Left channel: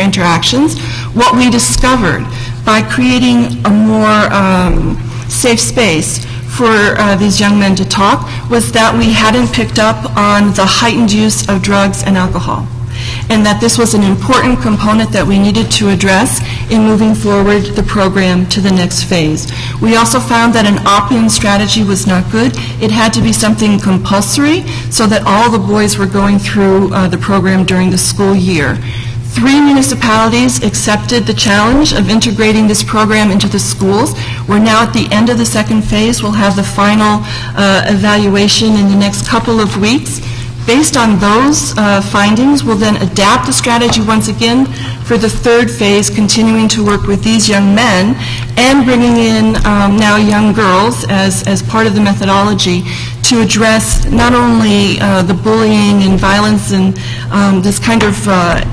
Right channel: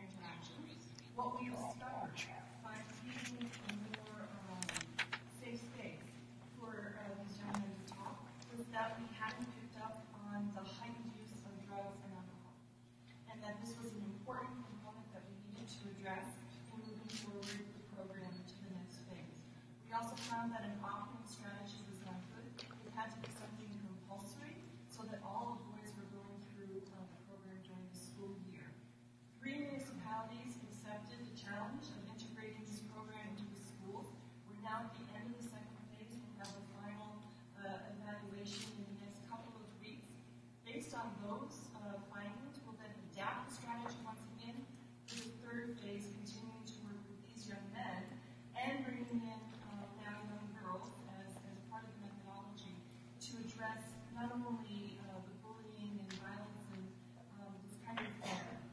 their interactions, what we discovered by creating a more safe space for these young men to talk was that we hadn't picked up on the heightened use of drugs and alcohol, and that this was an important component that we needed to address in moving forward the program to the next phase. We also found that an opt-in strategy was not good. It had to be something compulsory so that all the boys were going through the program during the school year. 3 municipalities accepted the challenge of integrating this program into the schools. We're now at the end of the second phase. We'll have the final evaluation in the next couple of weeks. Based on those findings, we'll then adapt the strategy once again for the third phase, continuing to work with these young men and bringing in now young girls as part of the methodology to address not only the bullying and violence and this kind of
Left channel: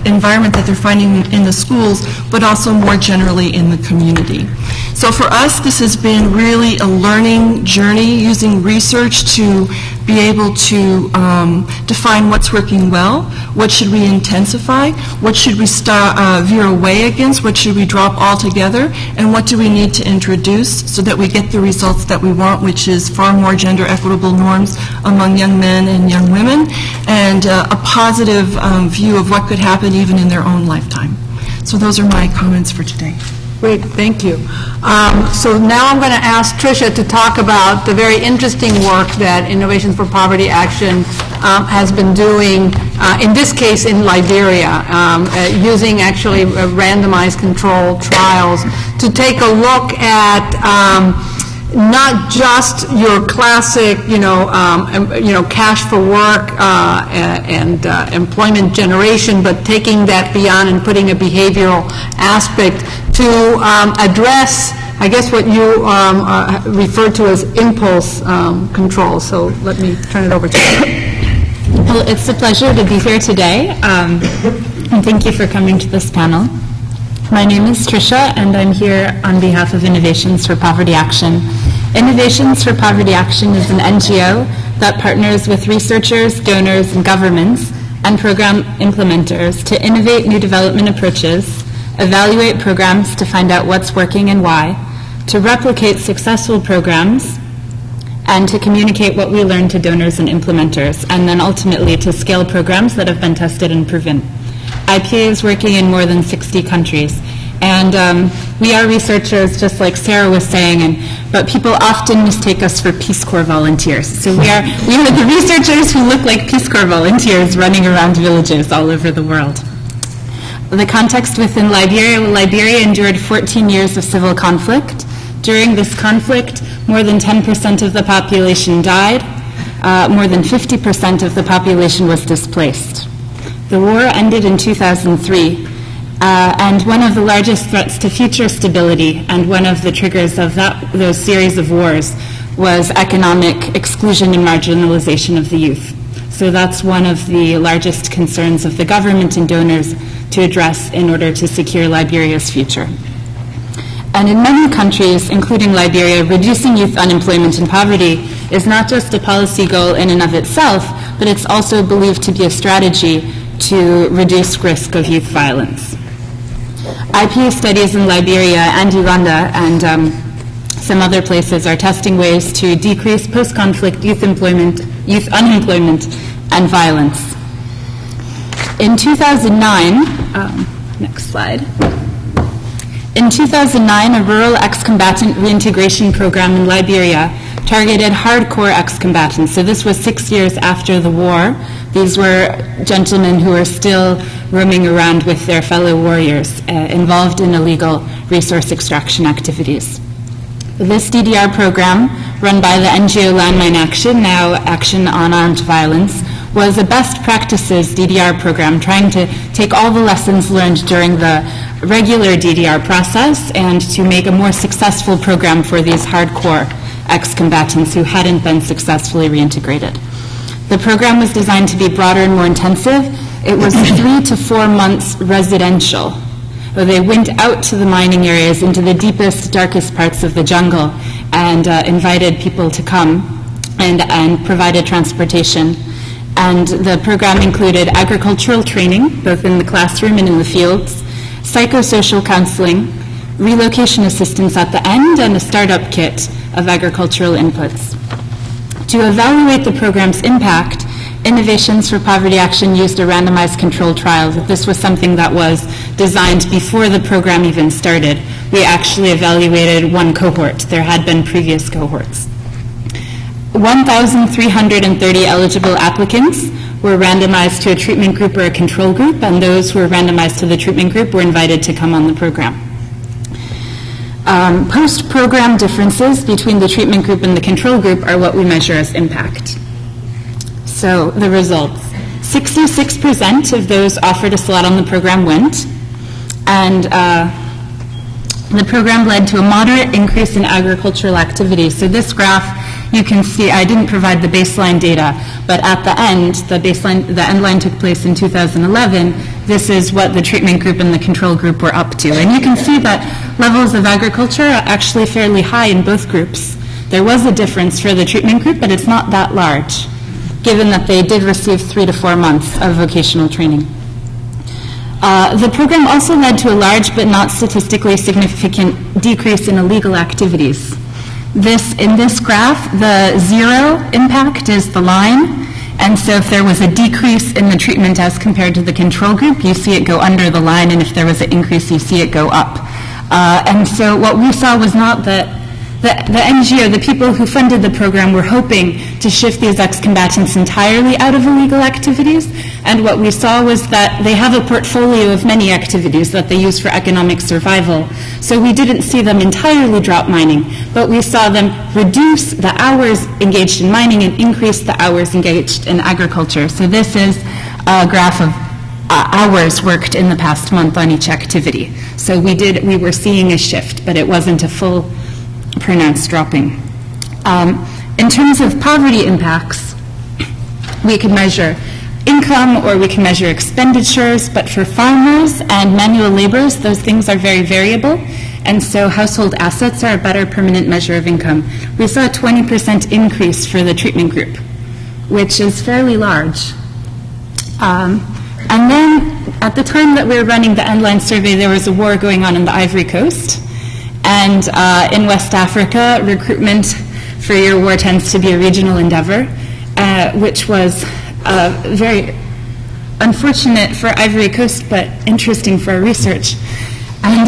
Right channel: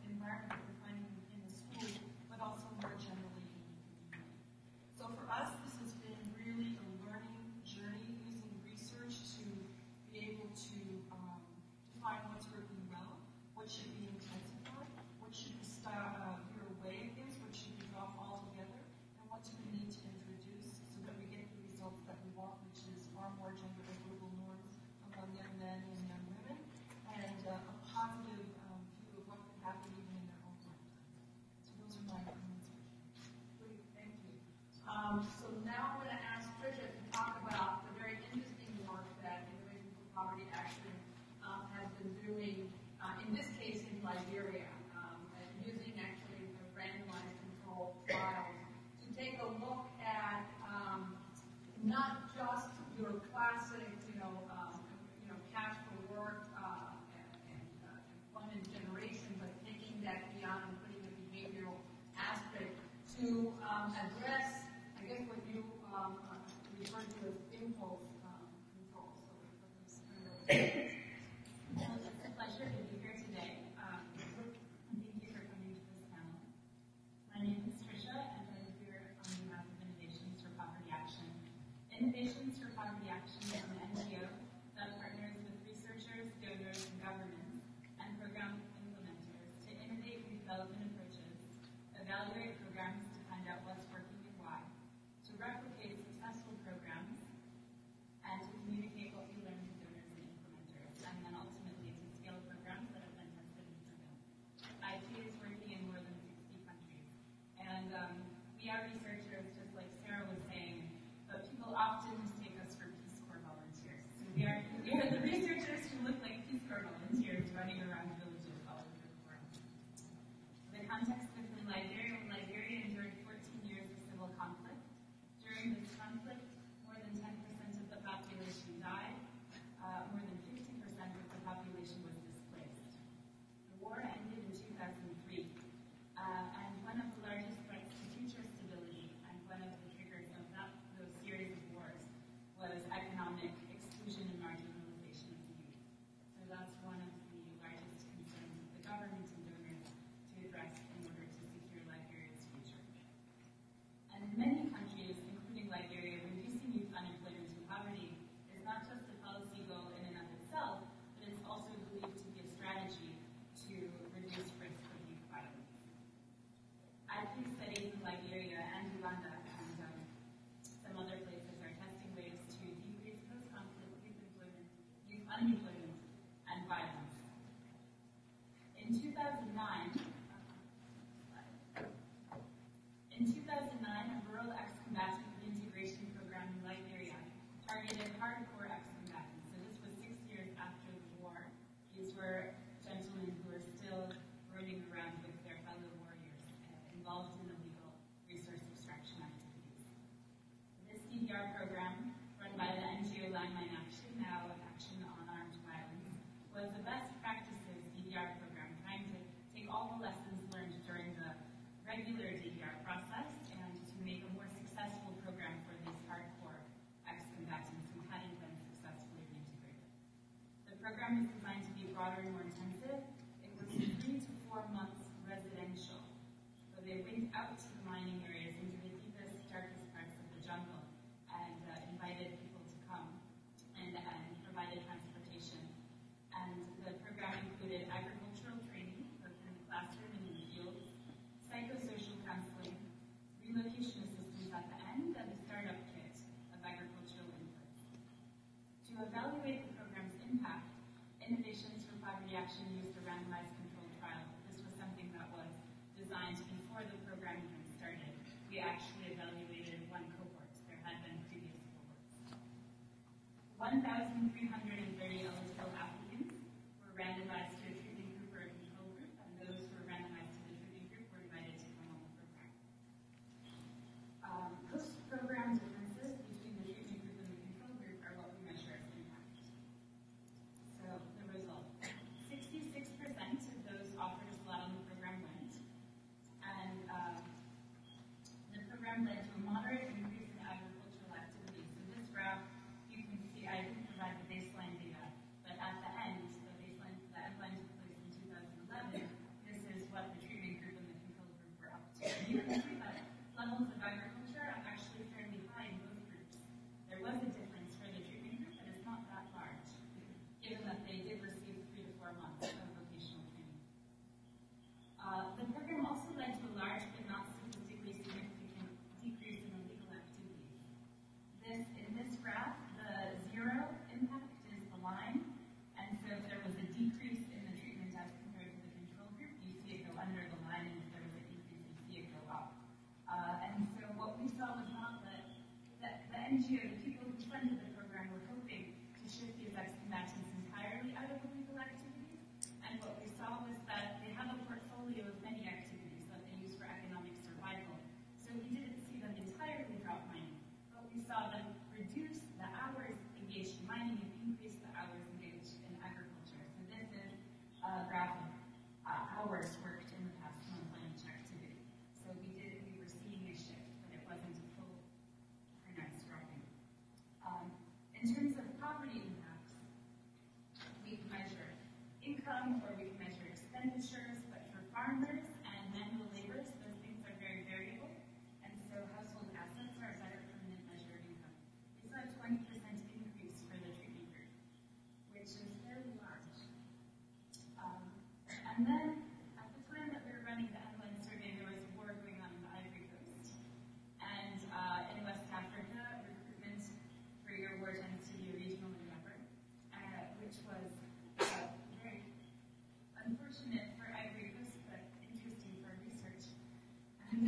environment that they're finding in the schools, but also more generally in the community. So for us, this has been really a learning journey using research to be able to define what's working well, what should we intensify, what should we veer away against, what should we drop altogether, and what do we need to introduce so that we get the results that we want, which is far more gender equitable norms among young men and young women, and a positive view of what could happen even in their own lifetime. So those are my comments for today. Great, thank you. So now I'm going to ask Tricia to talk about the very interesting work that Innovations for Poverty Action has been doing, in this case in Liberia, using actually randomized controlled trials to take a look at not just your classic, cash for work and employment generation, but taking that beyond and putting a behavioral aspect to address, I guess, what you refer to as impulse control. So let me turn it over to you. Well, it's a pleasure to be here today, and thank you for coming to this panel. My name is Tricia, and I'm here on behalf of Innovations for Poverty Action. Innovations for Poverty Action is an NGO that partners with researchers, donors, and governments and program implementers to innovate new development approaches, evaluate programs to find out what's working and why, to replicate successful programs, and to communicate what we learn to donors and implementers, and then ultimately to scale programs that have been tested and proven. IPA is working in more than 60 countries. And we are researchers, just like Sarah was saying, but people often mistake us for Peace Corps volunteers. So we are the researchers who look like Peace Corps volunteers running around villages all over the world. The context within Liberia endured 14 years of civil conflict. During this conflict, more than 10% of the population died. More than 50% of the population was displaced. The war ended in 2003, and one of the largest threats to future stability and one of the triggers of those series of wars was economic exclusion and marginalization of the youth. So that's one of the largest concerns of the government and donors to address in order to secure Liberia's future. And in many countries, including Liberia, reducing youth unemployment and poverty is not just a policy goal in and of itself, but it's also believed to be a strategy to reduce risk of youth violence. IPA studies in Liberia and Uganda and some other places are testing ways to decrease post-conflict youth unemployment, and violence. In 2009, next slide. In 2009, a rural ex-combatant reintegration program in Liberia targeted hardcore ex-combatants. So this was 6 years after the war. These were gentlemen who were still roaming around with their fellow warriors involved in illegal resource extraction activities. This DDR program, run by the NGO Landmine Action, now Action on Armed Violence, was a best practices DDR program trying to take all the lessons learned during the regular DDR process and to make a more successful program for these hardcore ex-combatants who hadn't been successfully reintegrated. The program was designed to be broader and more intensive. It was 3 to 4 months residential. They went out to the mining areas into the deepest, darkest parts of the jungle and invited people to come and provided transportation. And the program included agricultural training, both in the classroom and in the fields. psychosocial counseling, relocation assistance at the end, and a startup kit of agricultural inputs. To evaluate the program's impact, Innovations for Poverty Action used a randomized controlled trial. This was something that was designed before the program even started. We actually evaluated one cohort. There had been previous cohorts. 1,330 eligible applicants were randomized to a treatment group or a control group, and those who were randomized to the treatment group were invited to come on the program. Post-program differences between the treatment group and the control group are what we measure as impact. So the results. 66% of those offered a slot on the program went, and the program led to a moderate increase in agricultural activity. So this graph, you can see, I didn't provide the baseline data, but at the end, the end line took place in 2011. This is what the treatment group and the control group were up to. And you can see that levels of agriculture are actually fairly high in both groups. There was a difference for the treatment group, but it's not that large, given that they did receive 3 to 4 months of vocational training. The program also led to a large but not statistically significant decrease in illegal activities. In this graph, the 0 impact is the line, and so if there was a decrease in the treatment as compared to the control group, you see it go under the line, and if there was an increase, you see it go up. And so what we saw was not that the NGO, the people who funded the program, were hoping to shift these ex-combatants entirely out of illegal activities, and what we saw was that they have a portfolio of many activities that they use for economic survival. So we didn't see them entirely drop mining, but we saw them reduce the hours engaged in mining and increase the hours engaged in agriculture. So this is a graph of hours worked in the past month on each activity. So we were seeing a shift, but it wasn't a full pronounced dropping. In terms of poverty impacts, we can measure income or we can measure expenditures, but for farmers and manual laborers, those things are very variable, and so household assets are a better permanent measure of income. We saw a 20% increase for the treatment group, which is fairly large. And then at the time that we were running the Endline survey, there was a war going on in the Ivory Coast. And in West Africa, recruitment for your war tends to be a regional endeavor, which was very unfortunate for Ivory Coast, but interesting for our research. And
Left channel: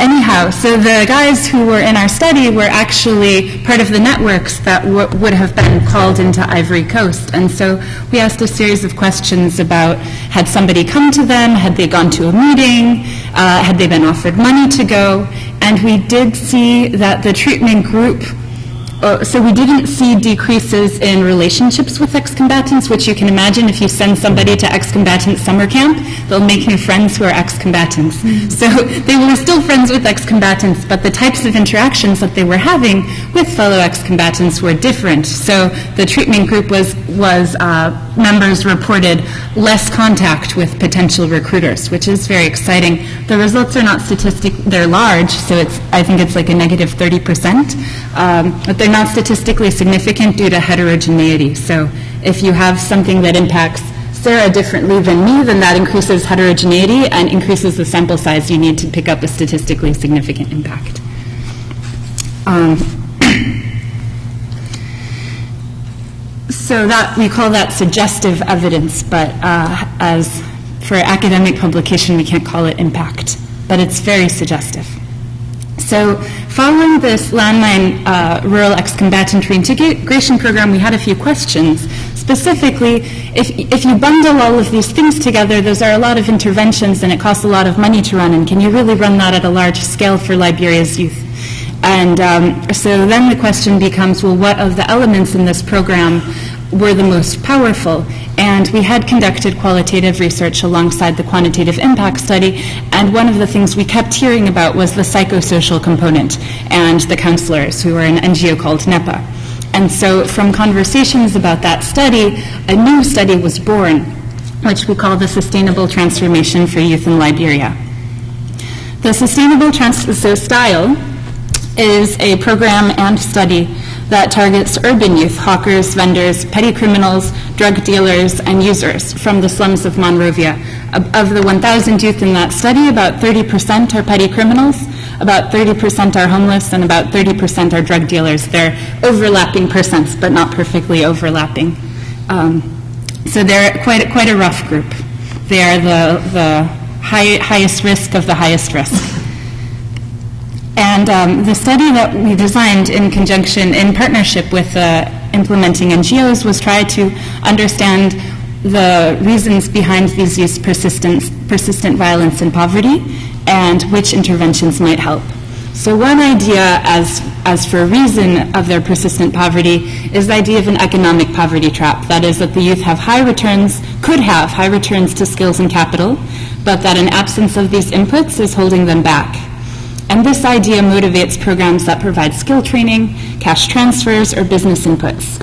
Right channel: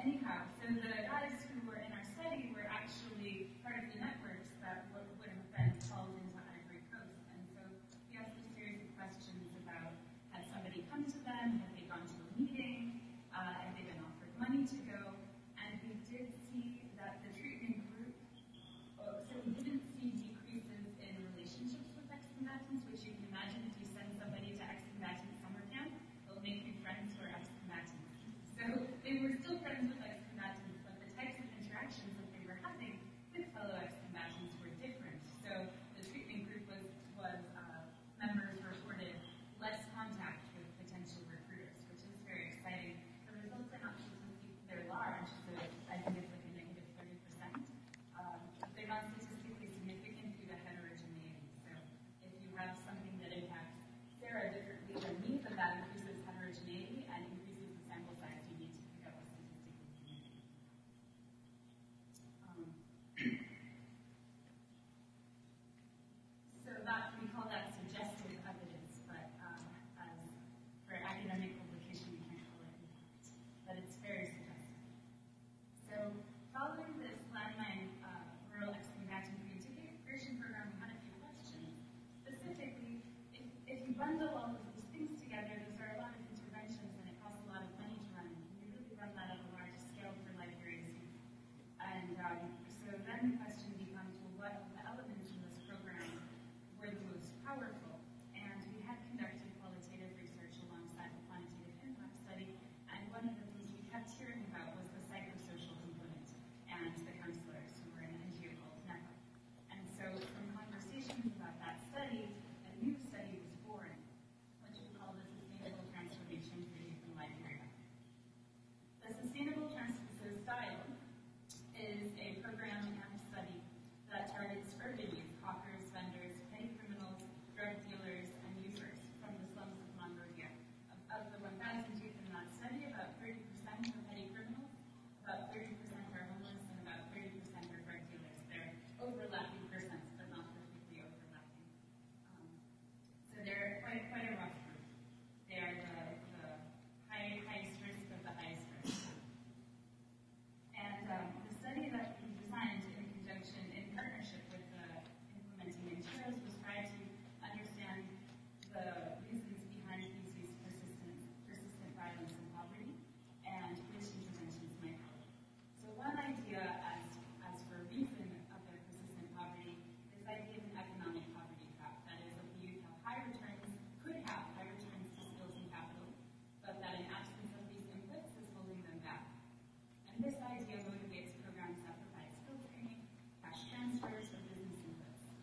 anyhow, so the guys who were in our study were actually part of the networks that would have been called into Ivory Coast. And so we asked a series of questions about, had somebody come to them, had they gone to a meeting, had they been offered money to go, and we did see that the treatment group, so we didn't see decreases in relationships with ex-combatants, which you can imagine if you send somebody to ex-combatant summer camp, they'll make new friends who are ex-combatants. Mm-hmm. So they were still friends with ex-combatants, but the types of interactions that they were having with fellow ex-combatants were different. So the treatment group was members reported less contact with potential recruiters, which is very exciting. The results are not they're large, so I think it's like a negative 30%, but they're not statistically significant due to heterogeneity. So if you have something that impacts Sarah differently than me, then that increases heterogeneity and increases the sample size you need to pick up a statistically significant impact. So that we call that suggestive evidence, but as for academic publication, we can't call it impact, but it's very suggestive. So following this landmine rural ex-combatant reintegration program, we had a few questions. Specifically, if you bundle all of these things together, those are a lot of interventions and it costs a lot of money to run, and can you really run that at a large scale for Liberia's youth? And so then the question becomes, well, what of the elements in this program were the most powerful? And we had conducted qualitative research alongside the quantitative impact study, and one of the things we kept hearing about was the psychosocial component and the counselors, who were an NGO called NEPA. And so from conversations about that study, a new study was born, which we call the Sustainable Transformation for Youth in Liberia. The Sustainable STYLE is a program and study that targets urban youth, hawkers, vendors, petty criminals, drug dealers, and users from the slums of Monrovia. Of the 1,000 youth in that study, about 30% are petty criminals, about 30% are homeless, and about 30% are drug dealers. They're overlapping percents, but not perfectly overlapping. So they're quite a rough group. They are the highest risk of the highest risk. And the study that we designed in partnership with implementing NGOs was try to understand the reasons behind these youth's persistent violence and poverty and which interventions might help. So one idea as for a reason of their persistent poverty is the idea of an economic poverty trap. That is that the youth could have high returns to skills and capital, but that an absence of these inputs is holding them back. And this idea motivates programs that provide skill training, cash transfers, or business inputs.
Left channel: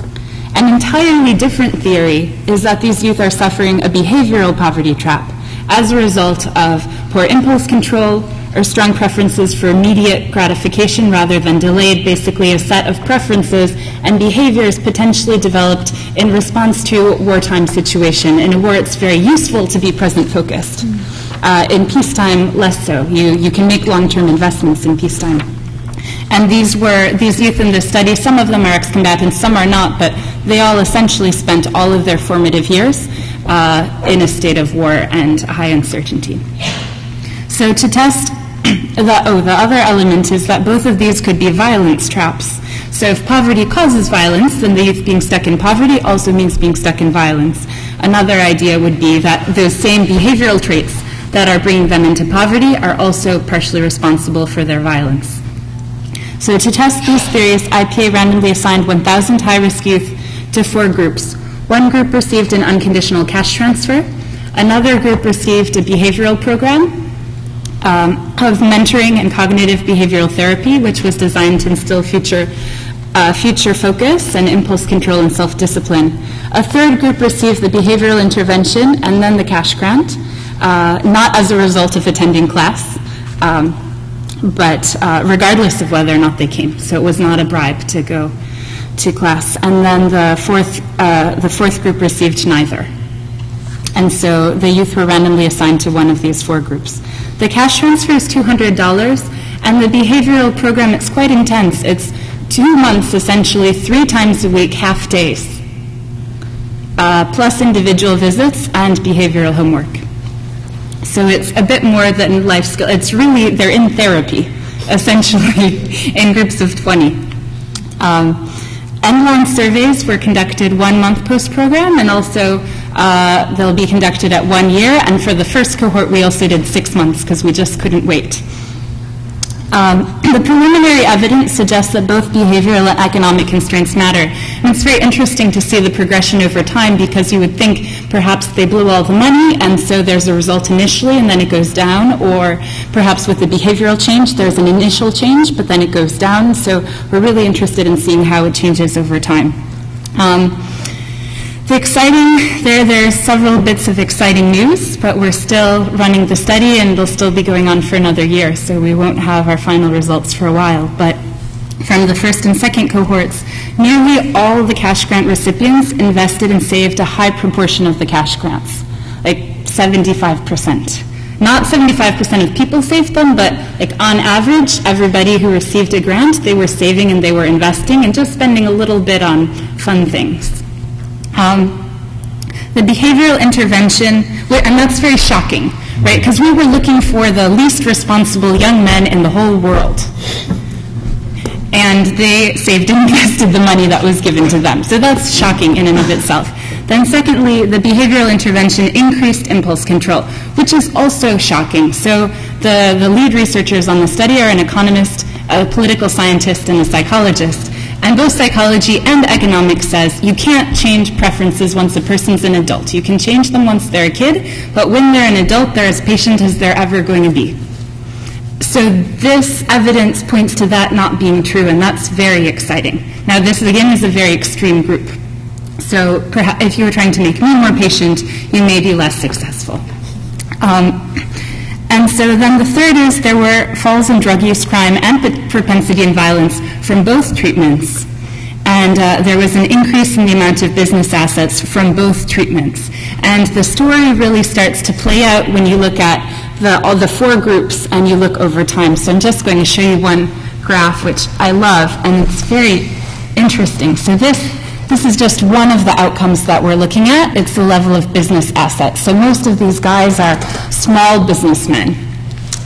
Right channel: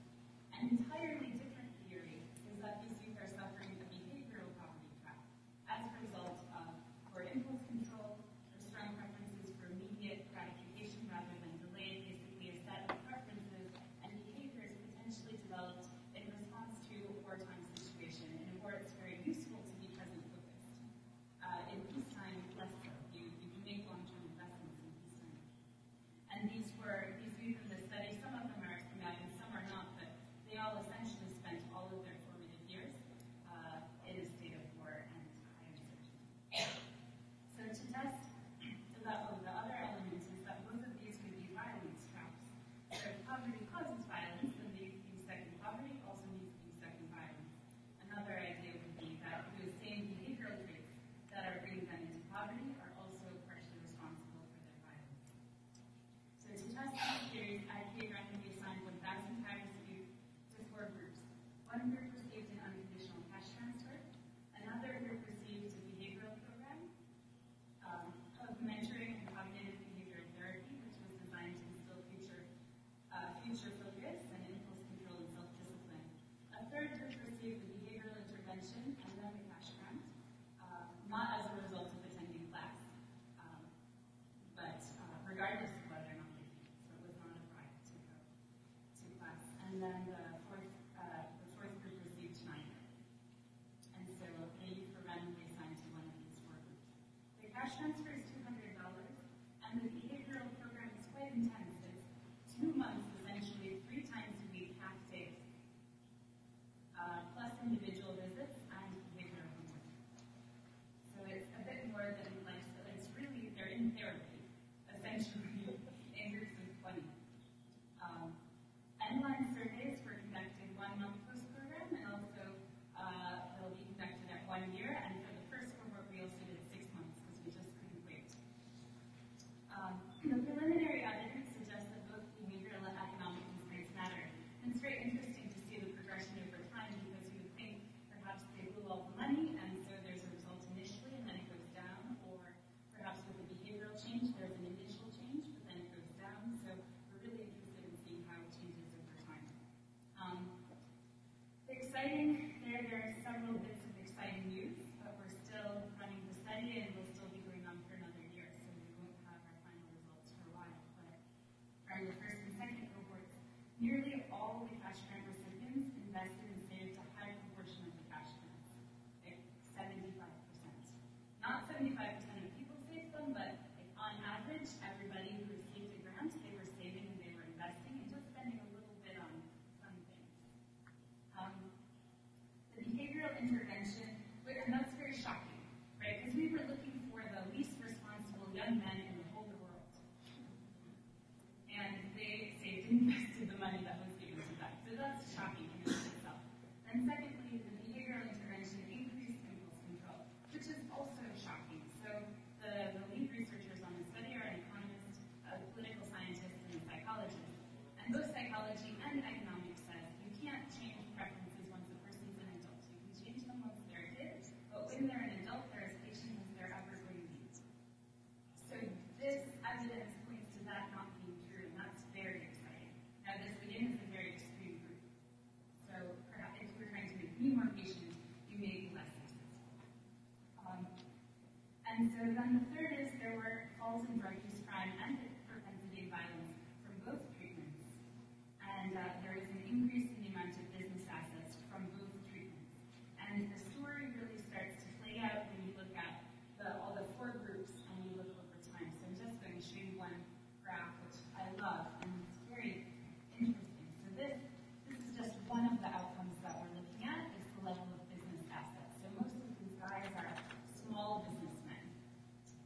An entirely different theory is that these youth are suffering a behavioral poverty trap as a result of poor impulse control or strong preferences for immediate gratification rather than delayed, basically a set of preferences and behaviors potentially developed in response to a wartime situation. In a war, it's very useful to be present-focused. In peacetime, less so. You can make long-term investments in peacetime. And these youth in this study, some of them are ex-combatants, some are not, but they all essentially spent all of their formative years in a state of war and high uncertainty. So to test, the other element is that both of these could be violence traps. So if poverty causes violence, then the youth being stuck in poverty also means being stuck in violence. Another idea would be that those same behavioral traits that are bringing them into poverty are also partially responsible for their violence. So to test these theories, IPA randomly assigned 1,000 high-risk youth to 4 groups. One group received an unconditional cash transfer. Another group received a behavioral program of mentoring and cognitive behavioral therapy, which was designed to instill future focus and impulse control and self-discipline. A third group received the behavioral intervention and then the cash grant, not as a result of attending class, but regardless of whether or not they came. So it was not a bribe to go to class. And then the fourth group received neither. And so the youth were randomly assigned to one of these 4 groups. The cash transfer is $200, and the behavioral program, it's quite intense. It's 2 months, essentially, 3 times a week, half days, plus individual visits and behavioral homework. So it's a bit more than life skill. It's really, they're in therapy, essentially, in groups of 20. End-long surveys were conducted 1 month post-program, and also they'll be conducted at 1 year. And for the first cohort, we also did 6 months because we just couldn't wait. The preliminary evidence suggests that both behavioral and economic constraints matter. And it's very interesting to see the progression over time, because you would think perhaps they blew all the money and so there's a result initially and then it goes down, or perhaps with the behavioral change there's an initial change but then it goes down. So we're really interested in seeing how it changes over time. There's several bits of exciting news, but we're still running the study and it'll still be going on for another year, so we won't have our final results for a while. But from the first and second cohorts, nearly all the cash grant recipients invested and saved a high proportion of the cash grants, like 75%. Not 75% of people saved them, but like on average, everybody who received a grant, they were saving and they were investing and just spending a little bit on fun things. The behavioral intervention, and that's very shocking, right? Because we were looking for the least responsible young men in the whole world. And they saved and invested the money that was given to them. So that's shocking in and of itself. Then secondly, the behavioral intervention increased impulse control, which is also shocking. So the lead researchers on the study are an economist, a political scientist, and a psychologist. And both psychology and economics says you can't change preferences once a person's an adult. You can change them once they're a kid, but when they're an adult, they're as patient as they're ever going to be. So this evidence points to that not being true, and that's very exciting. Now this, again, is a very extreme group. So perhaps if you were trying to make me more patient, you may be less successful. And so then the third is there were falls in drug use, crime, and propensity and violence from both treatments. and there was an increase in the amount of business assets from both treatments. And the story really starts to play out when you look at all the 4 groups and you look over time. So I'm just going to show you one graph, which I love, and it's very interesting. So this is just one of the outcomes that we're looking at. It's the level of business assets. So most of these guys are small businessmen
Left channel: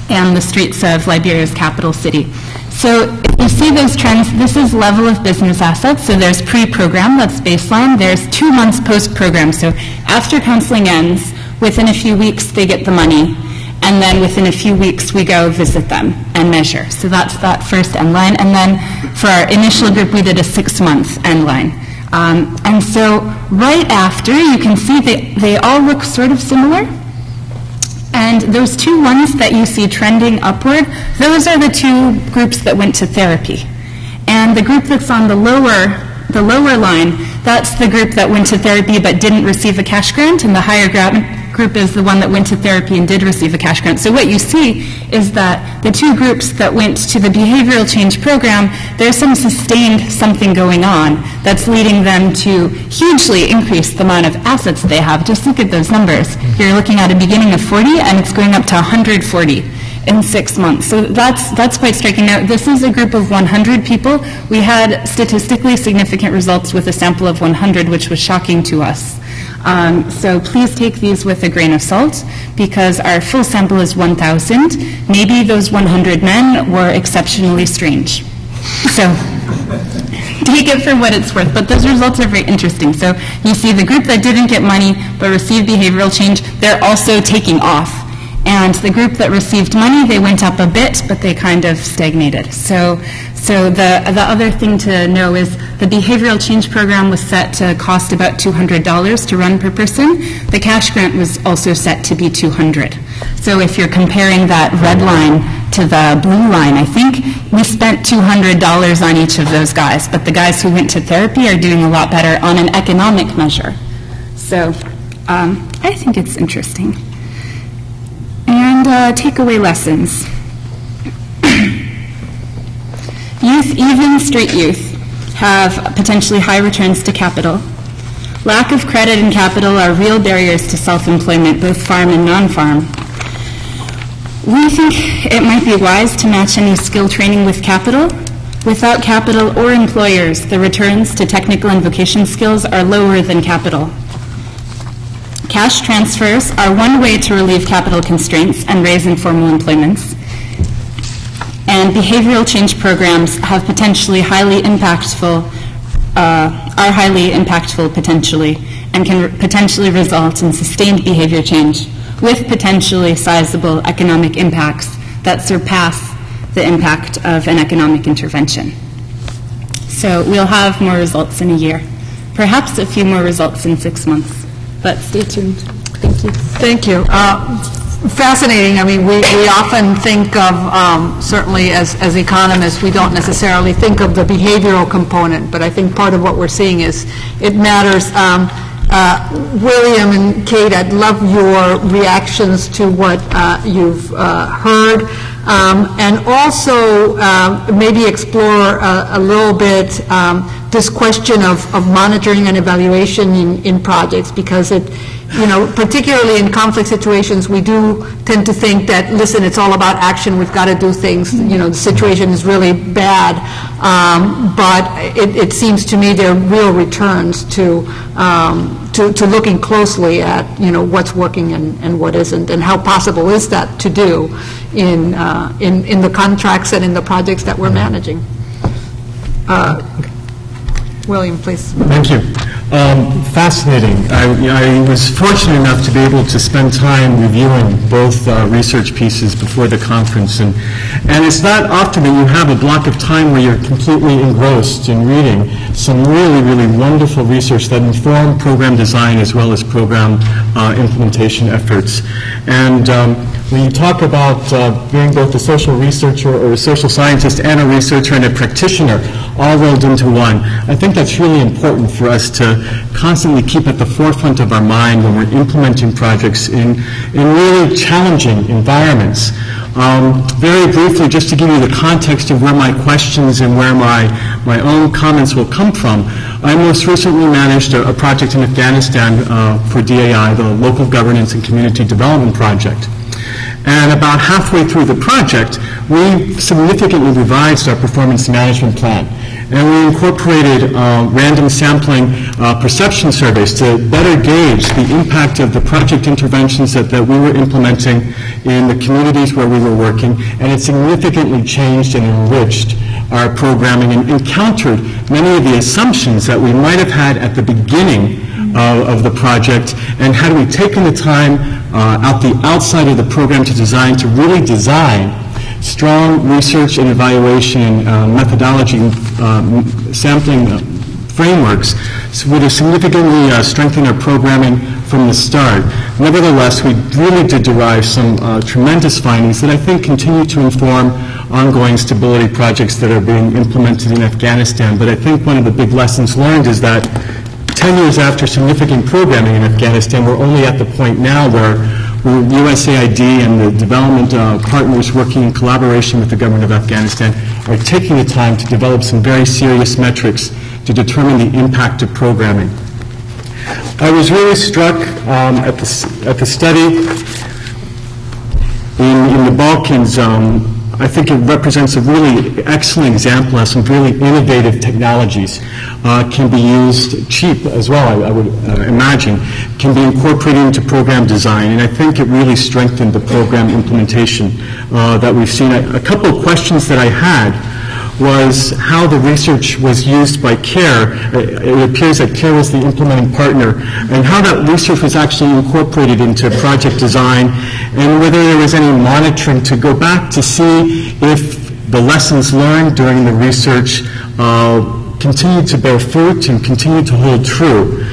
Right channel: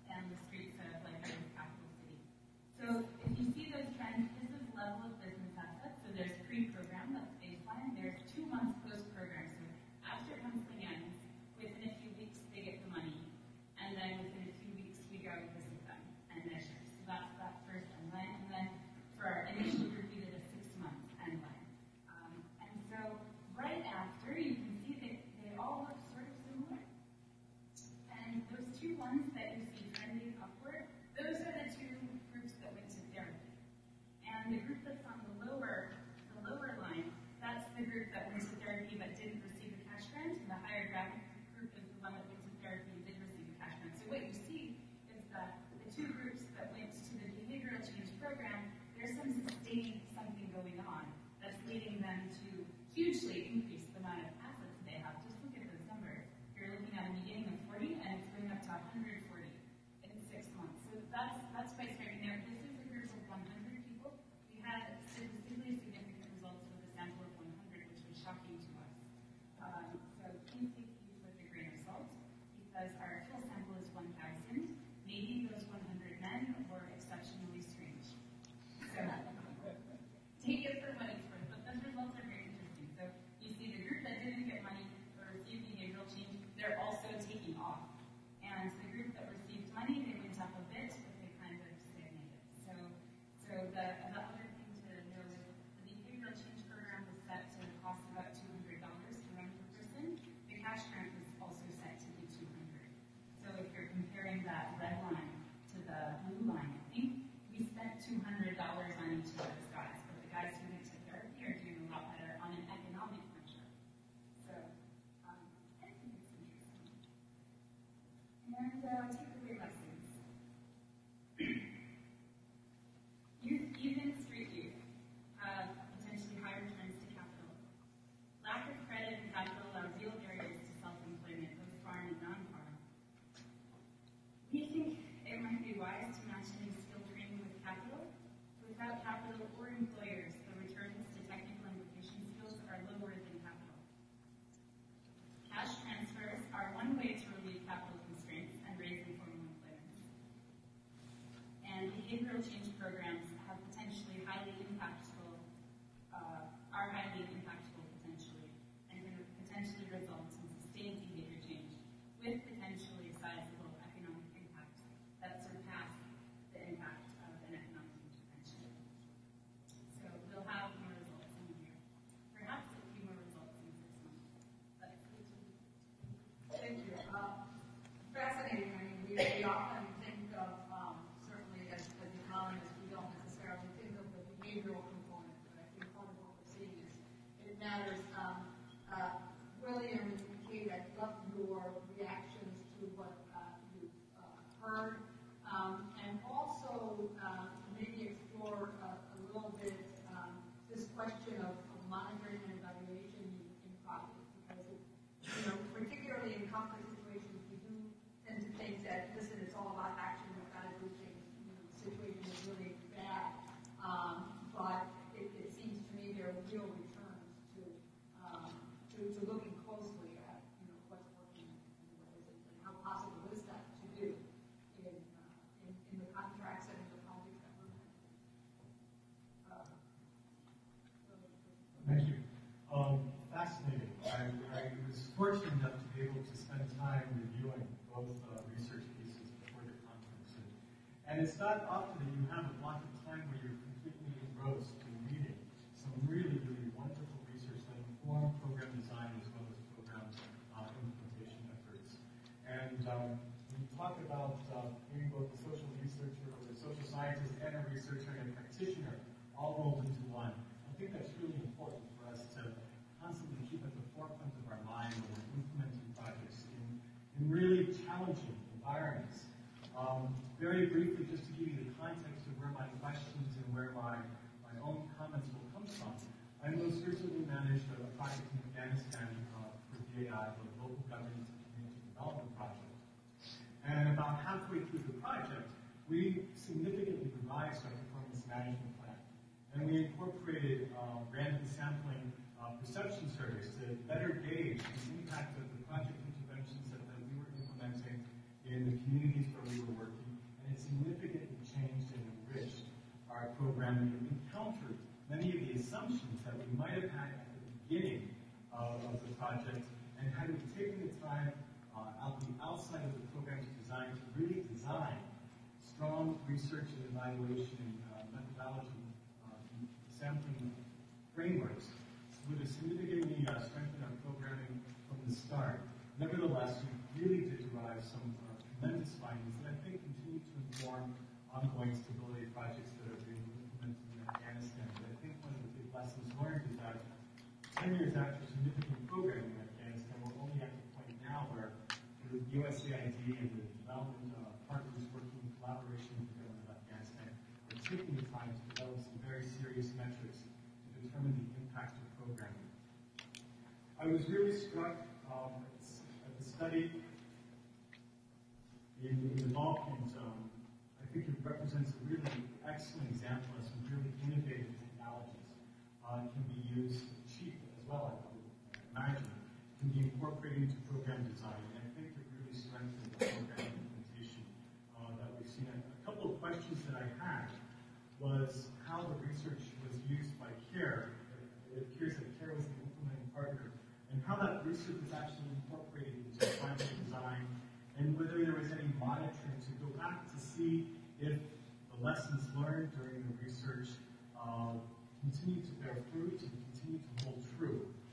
in the streets of Liberia's capital city. So if you see those trends, this is level of business assets. So there's pre-program, that's baseline. There's 2 months post-program. So after counseling ends, within a few weeks they get the money. And then within a few weeks we go visit them and measure. So that's that first end line. And then for our initial group we did a 6-month end line. And so right after, you can see they all look sort of similar. And those 2 ones that you see trending upward, those are the 2 groups that went to therapy. And the group that's on the lower line, that's the group that went to therapy but didn't receive a cash grant, and the higher group is the one that went to therapy and did receive a cash grant. So what you see is that the 2 groups that went to the behavioral change program, there's some sustained something going on that's leading them to hugely increase the amount of assets they have. Just look at those numbers. You're looking at a beginning of 40 and it's going up to 140 in 6 months. So that's quite striking. Now, this is a group of 100 people. We had statistically significant results with a sample of 100, which was shocking to us. So please take these with a grain of salt, because our full sample is 1,000. Maybe those 100 men were exceptionally strange. So take it for what it's worth. But those results are very interesting. So you see the group that didn't get money but received behavioral change, they're also taking off. And the group that received money, they went up a bit, but they kind of stagnated. So the other thing to know is the behavioral change program was set to cost about $200 to run per person. The cash grant was also set to be $200. So if you're comparing that red line to the blue line, I think we spent $200 on each of those guys, but the guys who went to therapy are doing a lot better on an economic measure. So I think it's interesting. And takeaway lessons. Youth, even street youth, have potentially high returns to capital. Lack of credit and capital are real barriers to self-employment, both farm and non-farm. We think it might be wise to match any skill training with capital. Without capital or employers, the returns to technical and vocation skills are lower than capital. Cash transfers are one way to relieve capital constraints and raise informal employments. And behavioral change programs have potentially highly impactful, are highly impactful potentially, and can potentially result in sustained behavior change with potentially sizable economic impacts that surpass the impact of an economic intervention. So we'll have more results in a year, perhaps a few more results in 6 months. But stay tuned. Thank you. Thank you. Fascinating. I mean, we often think of, certainly as economists, we don't necessarily think of the behavioral component, but I think part of what we're seeing is it matters. William and Kate, I'd love your reactions to what you've heard, and also maybe explore a little bit this question of monitoring and evaluation in projects, because it, you know, particularly in conflict situations, we do tend to think that, listen, it's all about action, we've got to do things, you know, the situation is really bad, but it seems to me there are real returns to looking closely at, you know, what's working and what isn't, and how possible is that to do in the contracts and in the projects that we're managing. William, please. Thank you. Fascinating. I was fortunate enough to be able to spend time reviewing both research pieces before the conference, and it's not often that you have a block of time where you're completely engrossed in reading some really, really wonderful research that inform program design as well as program implementation efforts. And when you talk about being both a social researcher or a social scientist and a researcher and a practitioner all rolled into one, I think that's really important for us to constantly keep at the forefront of our mind when we're implementing projects in really challenging environments. Very briefly, just to give you the context of where my questions and where my own comments will come from, I most recently managed a project in Afghanistan for DAI, the Local Governance and Community Development Project. And about halfway through the project, we significantly revised our performance management plan. And we incorporated random sampling perception surveys to better gauge the impact of the project interventions that we were implementing in the communities where we were working. And it significantly changed and enriched our programming and encountered many of the assumptions that we might have had at the beginning of the project, and had we taken the time outside of the program to really design strong research and evaluation and methodology sampling frameworks, would have significantly strengthened our programming from the start. Nevertheless, we really did derive some tremendous findings that I think continue to inform ongoing stability projects that are being implemented in Afghanistan. But I think one of the big lessons learned is that 10 years after significant programming in Afghanistan, we're only at the point now where USAID and the development partners working in collaboration with the government of Afghanistan are taking the time to develop some very serious metrics to determine the impact of programming. I was really struck at the study in the Balkans. I think it represents a really excellent example of some really innovative technologies can be used cheap as well, I would imagine, can be incorporated into program design. And I think it really strengthened the program implementation that we've seen. A couple of questions that I had was how the research was used by CARE. It appears that CARE was the implementing partner, and how that research was actually incorporated into project design, and whether there was any monitoring to go back to see if the lessons learned during the research continued to bear fruit and continued to hold true.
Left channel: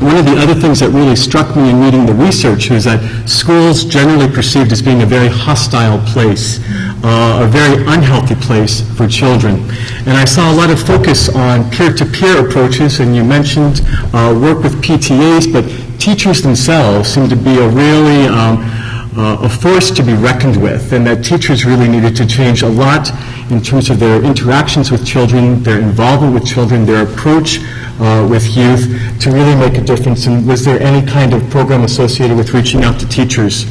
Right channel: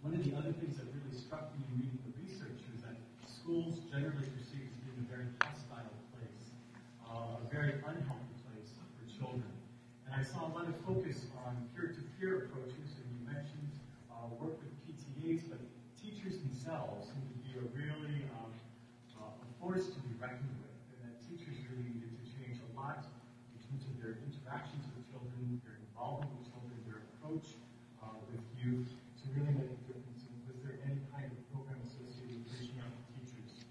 One of the other things that really struck me in reading the research was that schools generally perceived as being a very hostile place, a very unhealthy place for children. And I saw a lot of focus on peer-to-peer approaches, and you mentioned work with PTAs, but teachers themselves seem to be a force to be reckoned with, and that teachers really needed to change a lot in terms of their interactions with children, their involvement with children, their approach with youth to really make a difference. And was there any kind of program associated with reaching out to teachers?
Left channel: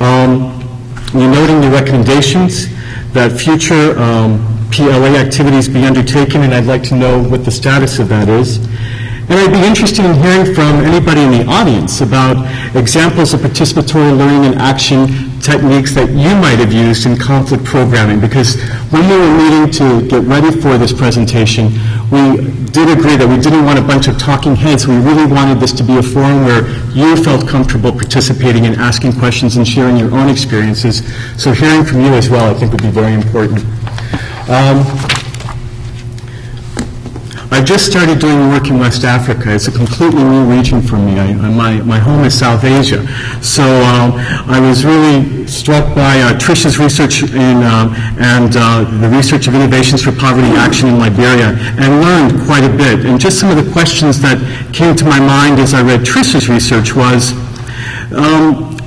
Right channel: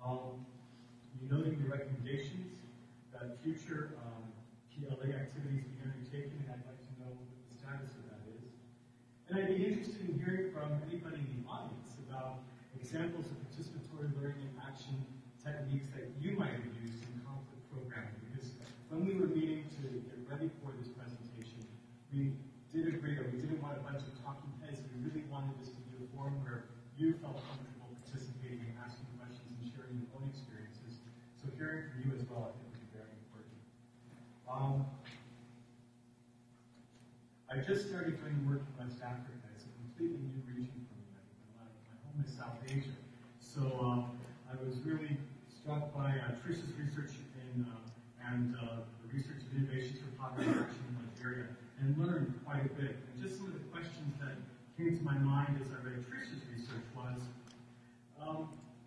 You're noting the recommendations that future PLA activities be undertaken, and I'd like to know what the status of that is. And I'd be interested in hearing from anybody in the audience about examples of participatory learning and action techniques that you might have used in conflict programming, because when we were meeting to get ready for this presentation, we did agree that we didn't want a bunch of talking heads. We really wanted this to be a forum where you felt comfortable participating and asking questions and sharing your own experiences. So hearing from you as well, I think, would be very important. I just started doing work in West Africa. It's a completely new region for me. My home is South Asia. So I was really struck by Trisha's research and the research of innovations for poverty action in Liberia, and learned quite a bit. And just some of the questions that came to my mind as I read Trisha's research was,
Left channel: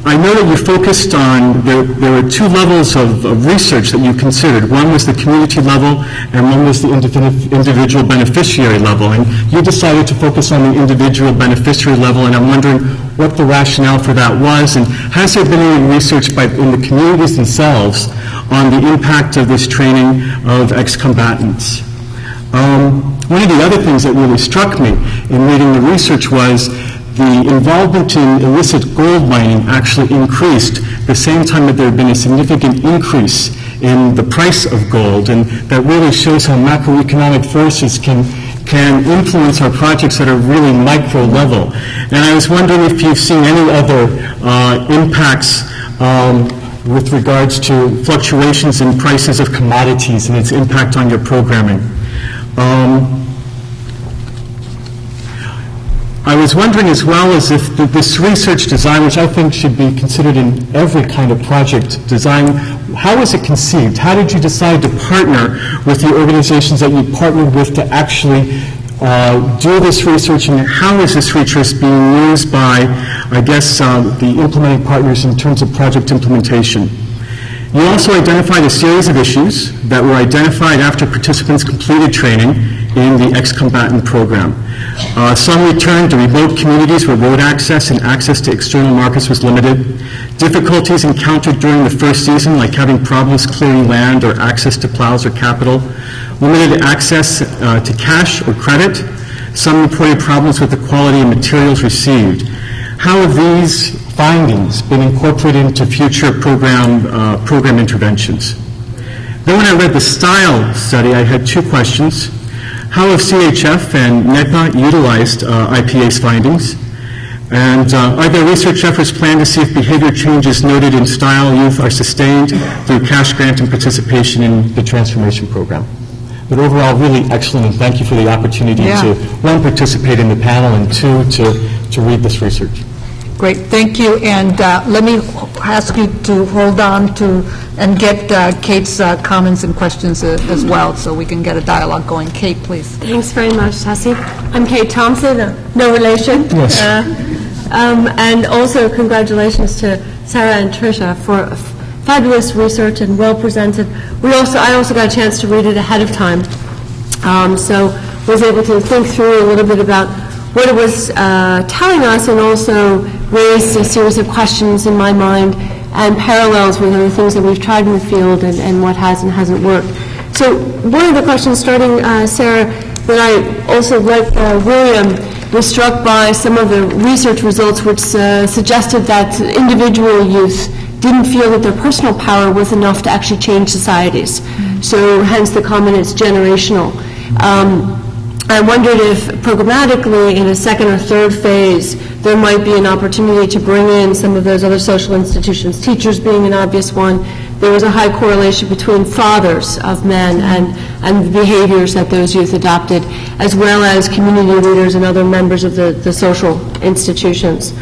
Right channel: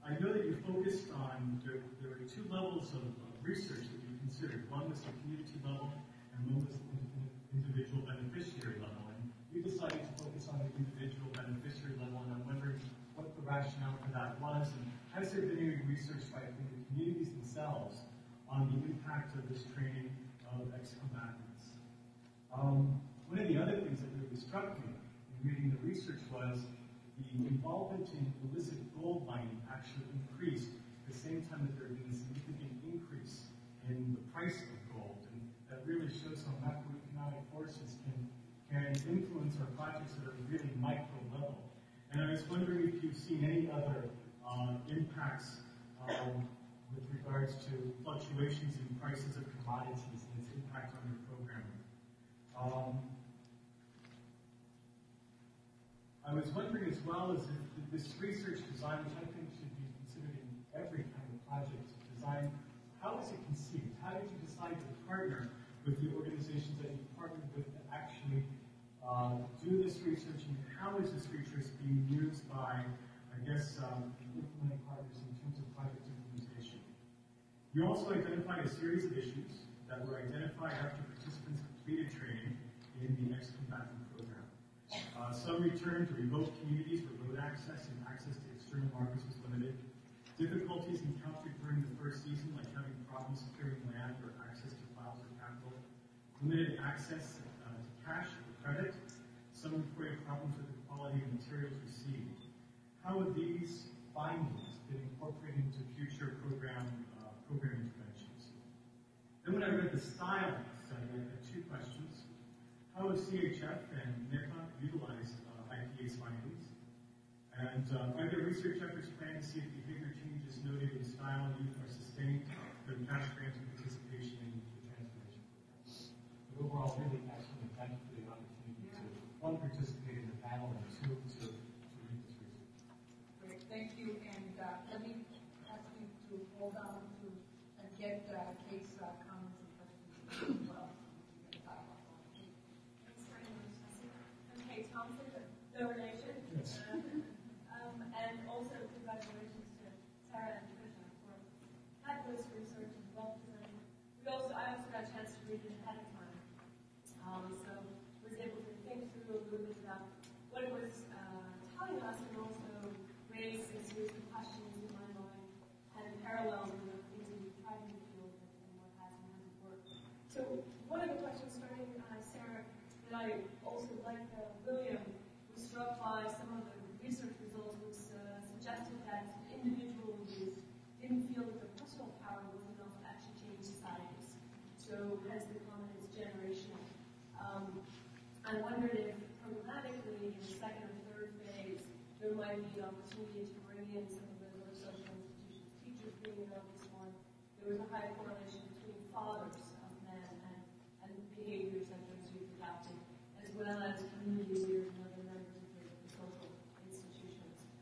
I know that you focused on, there were two levels of research that you considered. One was the community level, and one was the individual beneficiary level. And you decided to focus on the individual beneficiary level, and I'm wondering what the rationale for that was, and has there been any research in the communities themselves on the impact of this training of ex-combatants? One of the other things that really struck me in reading the research was the involvement in illicit gold mining actually increased the same time that there had been a significant increase in the price of gold, and that really shows how macroeconomic forces can influence our projects at a really micro level. And I was wondering if you've seen any other impacts with regards to fluctuations in prices of commodities and its impact on your programming. I was wondering as well as if this research design, which I think should be considered in every kind of project design, how was it conceived? How did you decide to partner with the organizations that you partnered with to actually do this research, and how is this research being used by, I guess, the implementing partners in terms of project implementation. You also identified a series of issues that were identified after participants completed training in the ex-combatant program. Some returned to remote communities where road access and access to external markets was limited. Difficulties encountered during the first season, like having problems clearing land or access to plows or capital. Limited access to cash or credit. Some reported problems with the quality of materials received. How have these findings been incorporated into future program interventions? Then when I read the style study, I had two questions. How have CHF and NEPA utilized IPA's findings? And are there research efforts planned to see if behavior changes noted in style youth are sustained through cash grant and participation in the transformation program? But overall, really excellent, and thank you for the opportunity to, one, participate in the panel, and two, to read this research. Great, thank you. And let me ask you to hold on to and get Kate's comments and questions as well, so we can get a dialogue going. Kate, please. Thanks very much, Tassie. I'm Kate Thompson, no relation. Yes. And also congratulations to Sarah and Tricia for fabulous research and well presented. I also got a chance to read it ahead of time, so was able to think through a little bit about what it was telling us, and also raised a series of questions in my mind and parallels with other things that we've tried in the field and what has and hasn't worked. So one of the questions, starting, Sarah, that I also, like William, was struck by some of the research results which suggested that individual youth didn't feel that their personal power was enough to actually change societies. So hence the comment, it's generational. I wondered if programmatically in a second or third phase there might be an opportunity to bring in some of those other social institutions, teachers being an obvious one. There was a high correlation between fathers of men and the behaviors that those youth adopted, as well as community leaders and other members of the social institutions.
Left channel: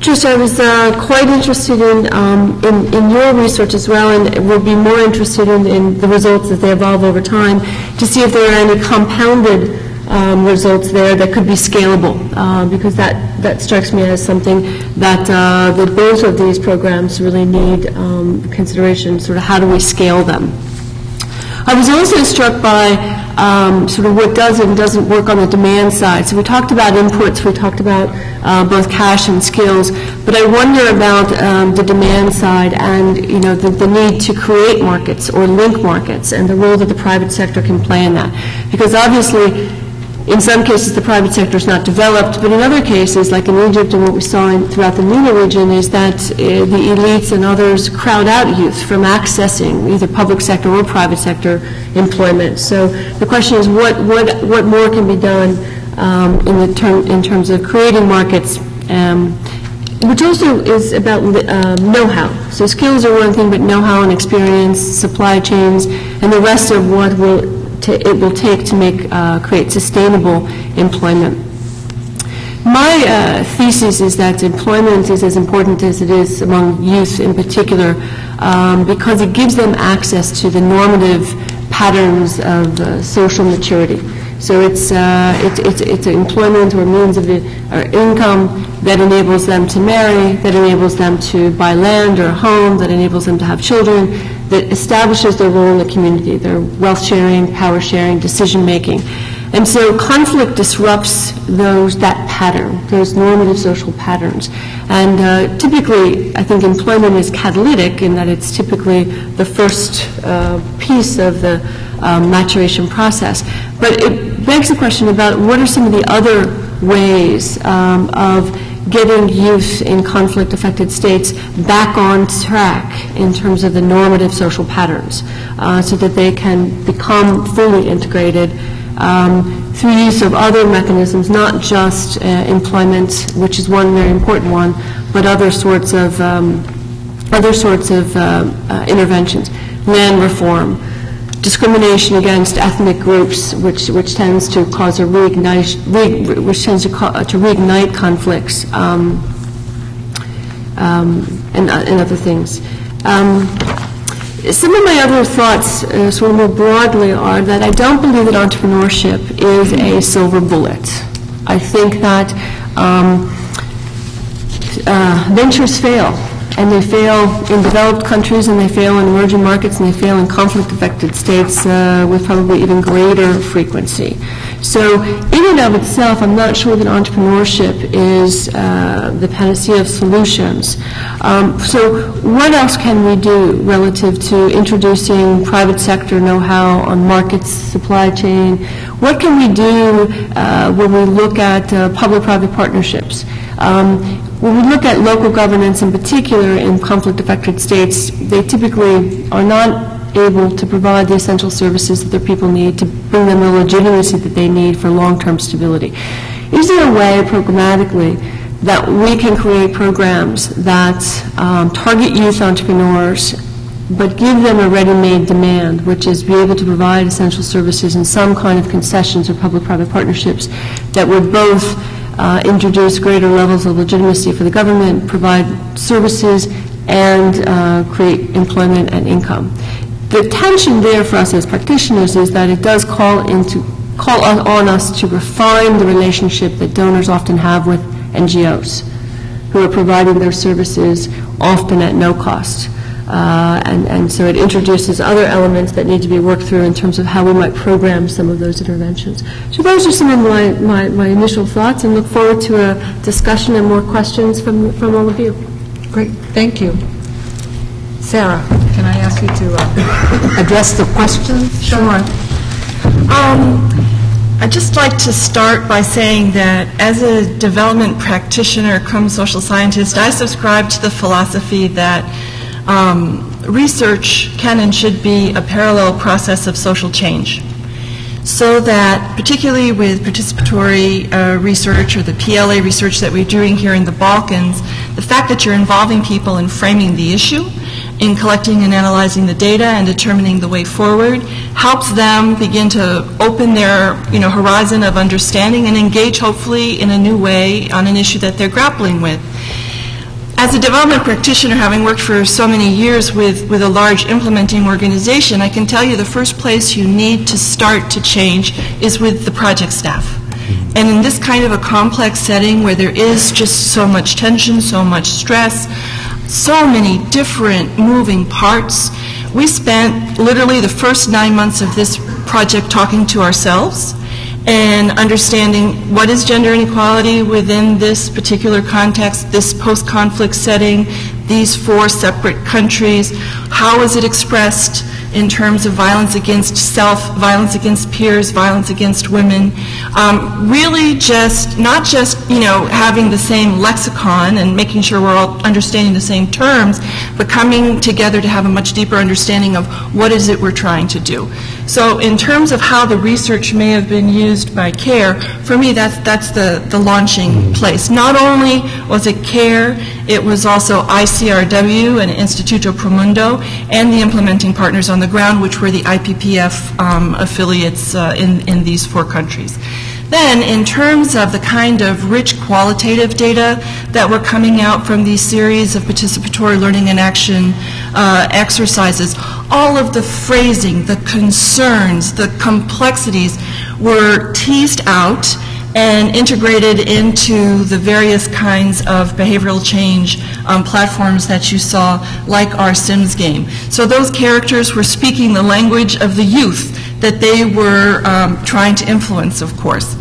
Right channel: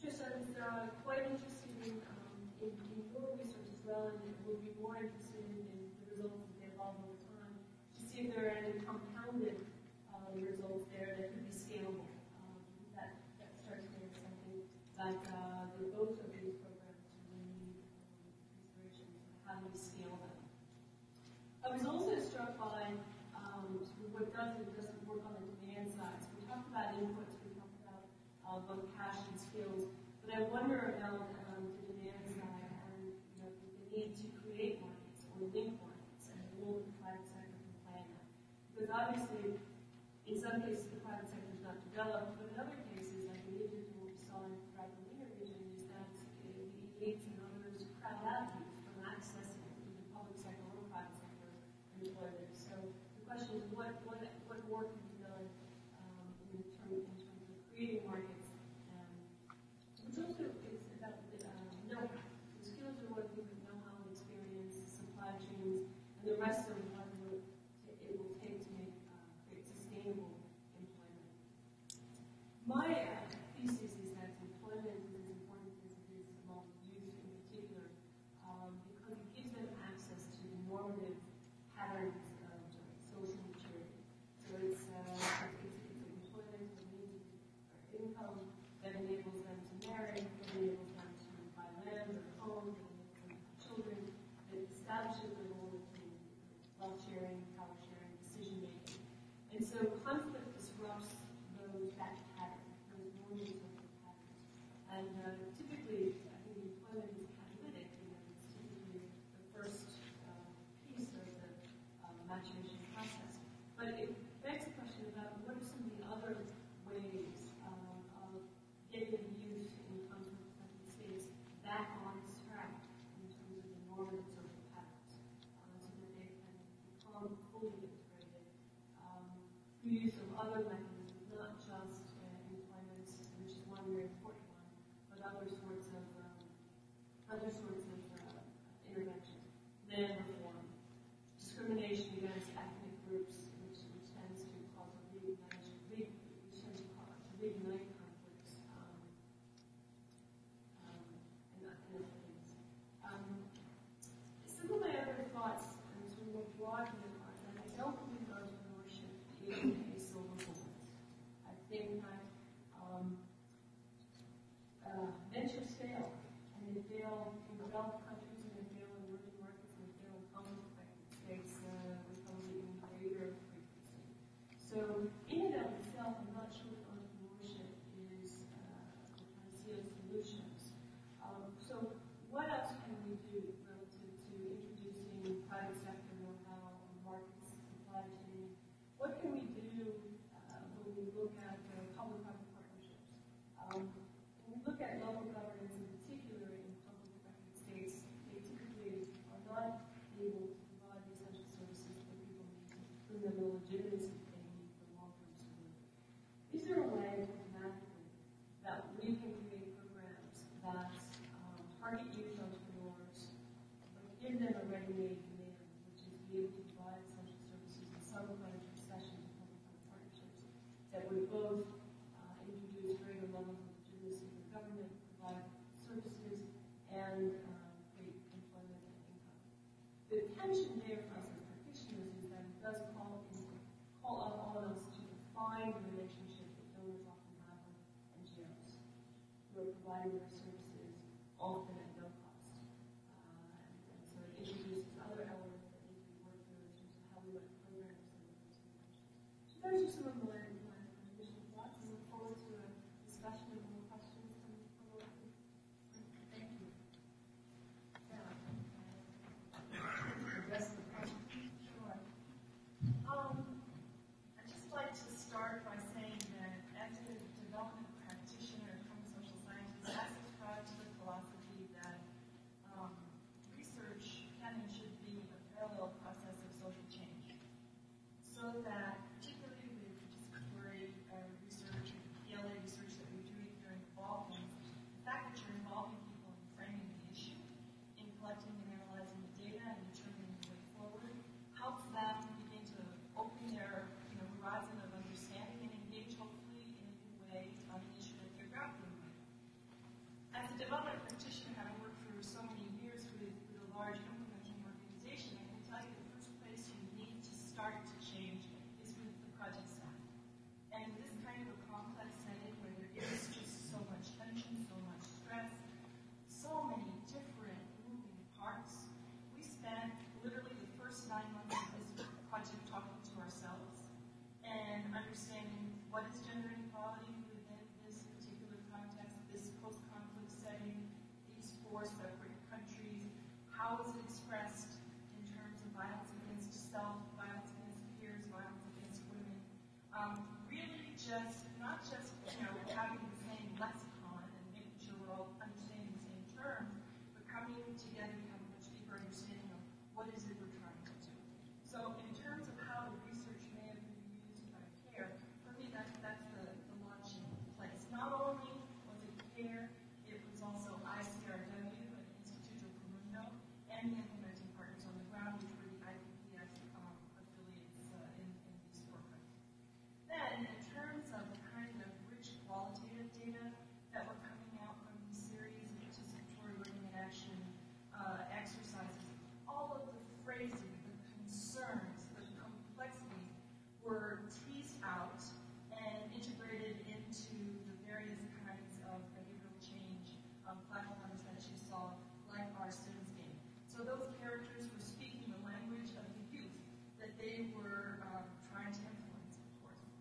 Trish, I was quite interested in your research as well, and would be more interested in the results as they evolve over time, to see if there are any compounded results there that could be scalable, because that strikes me as something that both of these programs really need consideration, sort of how do we scale them. I was also struck by sort of what does and doesn't work on the demand side. So we talked about inputs, we talked about both cash and skills, but I wonder about the demand side and the need to create markets or link markets and the role that the private sector can play in that. Because obviously, in some cases the private sector is not developed, but in other cases, like in Egypt and what we saw throughout the MENA region, is that the elites and others crowd out youth from accessing either public sector or private sector employment. So the question is, what more can be done in terms of creating markets, which also is about know-how. So skills are one thing, but know-how and experience, supply chains, and the rest of what it will take to create sustainable employment. My thesis is that employment is as important as it is among youth in particular, because it gives them access to the normative patterns of social maturity. So it's employment or means of or income that enables them to marry, that enables them to buy land or a home, that enables them to have children, that establishes their role in the community, their wealth sharing, power sharing, decision making. And so conflict disrupts that pattern, those normative social patterns. And typically, I think employment is catalytic in that it's typically the first piece of the maturation process. But it begs the question about what are some of the other ways of getting youth in conflict-affected states back on track in terms of the normative social patterns, so that they can become fully integrated through use of other mechanisms, not just employment, which is one very important one, but other sorts of interventions, land reform, discrimination against ethnic groups, which tends to cause reignite conflicts, and other things. Some of my other thoughts, sort of more broadly, are that I don't believe that entrepreneurship is a silver bullet. I think that ventures fail, and they fail in developed countries, and they fail in emerging markets, and they fail in conflict-affected states with probably even greater frequency. So in and of itself, I'm not sure that entrepreneurship is the panacea of solutions. So what else can we do relative to introducing private sector know-how on markets, supply chain? What can we do when we look at public-private partnerships? When we look at local governance in particular in conflict-affected states, they typically are not able to provide the essential services that their people need to bring them the legitimacy that they need for long-term stability. Is there a way programmatically that we can create programs that target youth entrepreneurs but give them a ready-made demand, which is be able to provide essential services in some kind of concessions or public-private partnerships that would both introduce greater levels of legitimacy for the government, provide services, and create employment and income? The tension there for us as practitioners is that it does call on us to refine the relationship that donors often have with NGOs who are providing their services often at no cost. And so it introduces other elements that need to be worked through in terms of how we might program some of those interventions. So those are some of my initial thoughts, and look forward to a discussion and more questions from all of you. Great, thank you. Sarah, can I ask you to address the question? Sure. I'd just like to start by saying that as a development practitioner, social scientist, I subscribe to the philosophy that research can and should be a parallel process of social change. So that, particularly with participatory research or the PLA research that we're doing here in the Balkans, the fact that you're involving people in framing the issue, in collecting and analyzing the data and determining the way forward, helps them begin to open their horizon of understanding and engage hopefully in a new way on an issue that they're grappling with. As a development practitioner, having worked for so many years with a large implementing organization, I can tell you the first place you need to start to change is with the project staff. And in this kind of a complex setting where there is just so much tension, so much stress, so many different moving parts, we spent literally the first 9 months of this project talking to ourselves and understanding what is gender inequality within this particular context, this post-conflict setting, these 4 separate countries, how is it expressed in terms of violence against self, violence against peers, violence against women. Really just, not just, having the same lexicon and making sure we're all understanding the same terms, but coming together to have a much deeper understanding of what is it we're trying to do. So in terms of how the research may have been used by CARE, for me that's the launching place. Not only was it CARE, it was also ICRW and Instituto Promundo and the implementing partners on the ground, which were the IPPF affiliates in these 4 countries. Then, in terms of the kind of rich qualitative data that were coming out from these series of participatory learning and action exercises, all of the phrasing, the concerns, the complexities were teased out and integrated into the various kinds of behavioral change platforms that you saw, like our Sims game. So those characters were speaking the language of the youth that they were trying to influence, of course.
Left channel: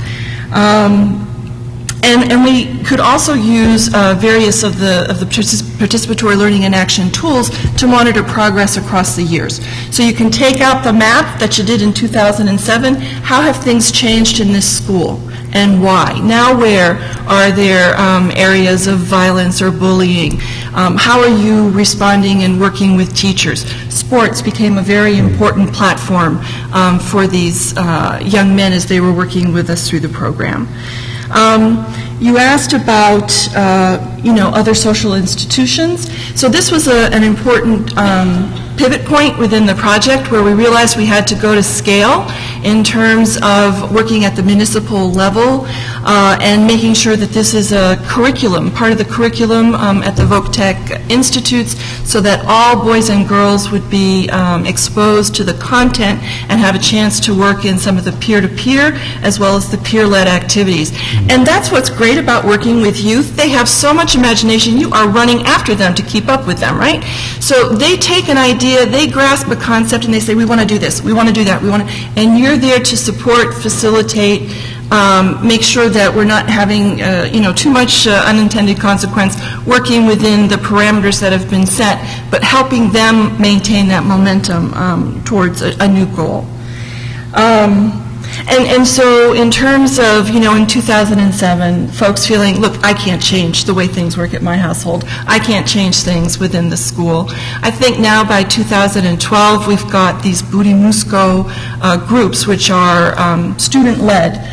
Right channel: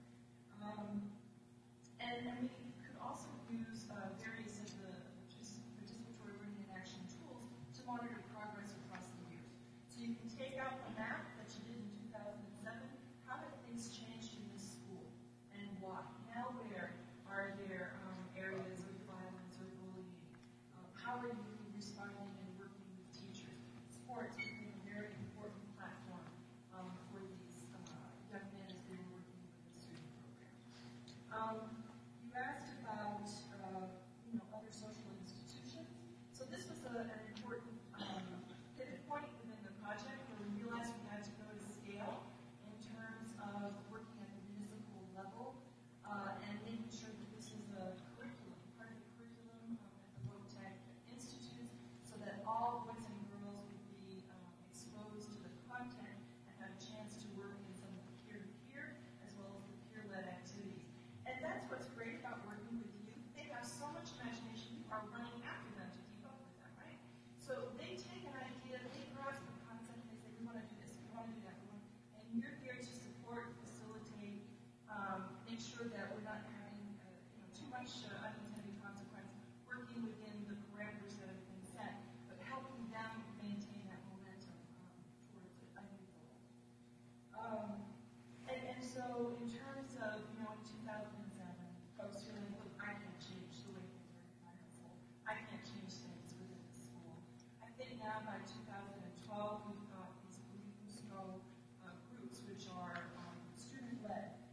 And we could also use various of the participatory learning and action tools to monitor progress across the years. So you can take out the map that you did in 2007. How have things changed in this school? And why? Now where are there areas of violence or bullying? How are you responding and working with teachers? Sports became a very important platform for these young men as they were working with us through the program. You asked about, other social institutions. So this was an important pivot point within the project where we realized we had to go to scale in terms of working at the municipal level and making sure that this is a curriculum, part of the curriculum at the Voc-Tech Institutes, so that all boys and girls would be exposed to the content and have a chance to work in some of the peer-to-peer as well as the peer-led activities. And that's what's great about working with youth. They have so much imagination. You are running after them to keep up with them, right? So they take an idea, they grasp a concept, and they say, we want to do this, we want to do that, we want to, and you're there to support, facilitate, make sure that we're not having too much unintended consequence, working within the parameters that have been set, but helping them maintain that momentum towards a new goal. And so in terms of, in 2007, folks feeling, look, I can't change the way things work at my household. I can't change things within the school. I think now by 2012, we've got these Burimusco groups, which are student-led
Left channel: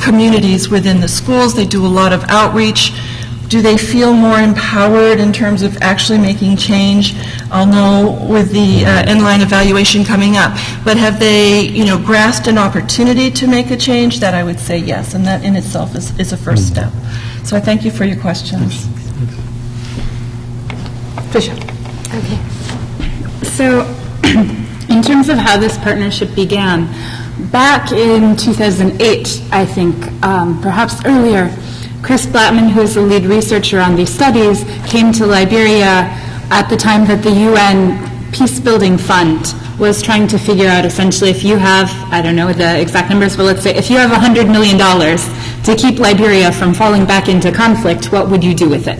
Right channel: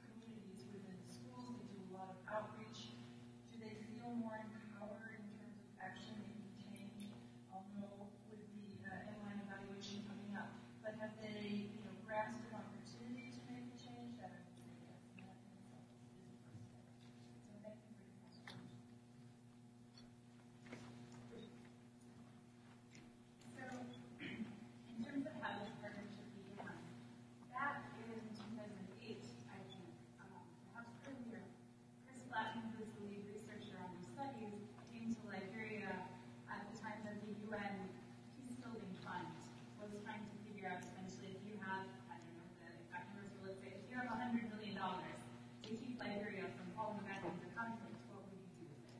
communities within the schools. They do a lot of outreach. Do they feel more empowered in terms of actually making change? I'll know with the inline evaluation coming up. But have they, grasped an opportunity to make a change? That I would say yes, and that in itself is a first step. So I thank you for your questions. Tricia. Okay. So in terms of how this partnership began, back in 2008, I think, perhaps earlier, Chris Blattman, who is the lead researcher on these studies, came to Liberia at the time that the UN Peacebuilding Fund was trying to figure out essentially if you have, I don't know the exact numbers, but let's say if you have $100 million to keep Liberia from falling back into conflict, what would you do with it?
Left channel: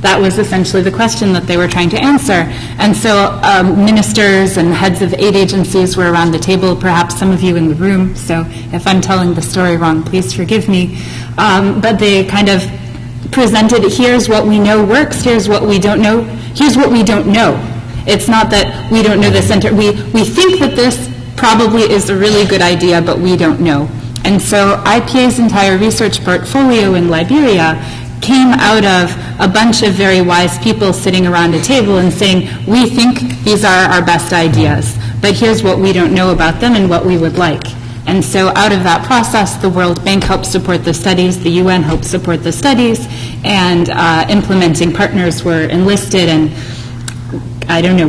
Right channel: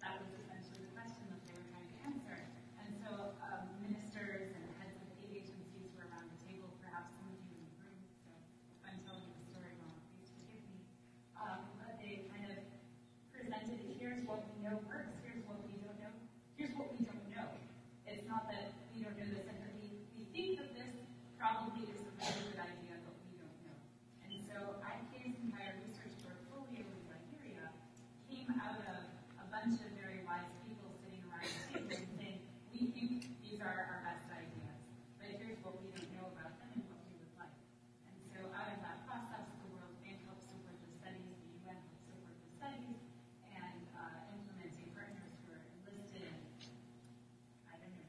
That was essentially the question that they were trying to answer. And so ministers and heads of aid agencies were around the table, perhaps some of you in the room, so if I'm telling the story wrong, please forgive me. But they kind of presented, here's what we know works, here's what we don't know, here's what we don't know. It's not that we don't know the center. We think that this probably is a really good idea, but we don't know. And so IPA's entire research portfolio in Liberia came out of a bunch of very wise people sitting around a table and saying, we think these are our best ideas, but here's what we don't know about them and what we would like. And so out of that process, the World Bank helped support the studies, the UN helped support the studies, and implementing partners were enlisted and,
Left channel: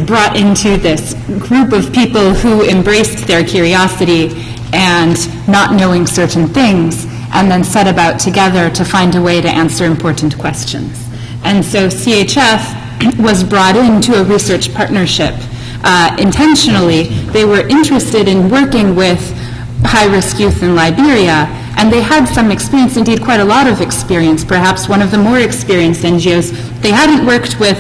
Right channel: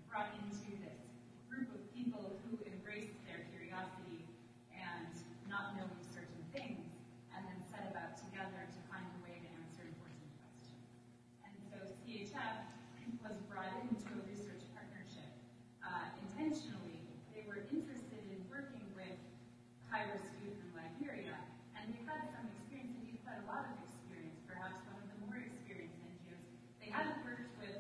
brought into this group of people who embraced their curiosity and not knowing certain things, and then set about together to find a way to answer important questions. And so CHF was brought into a research partnership. Intentionally, they were interested in working with high-risk youth in Liberia, and they had some experience, indeed quite a lot of experience, perhaps one of the more experienced NGOs. They hadn't worked with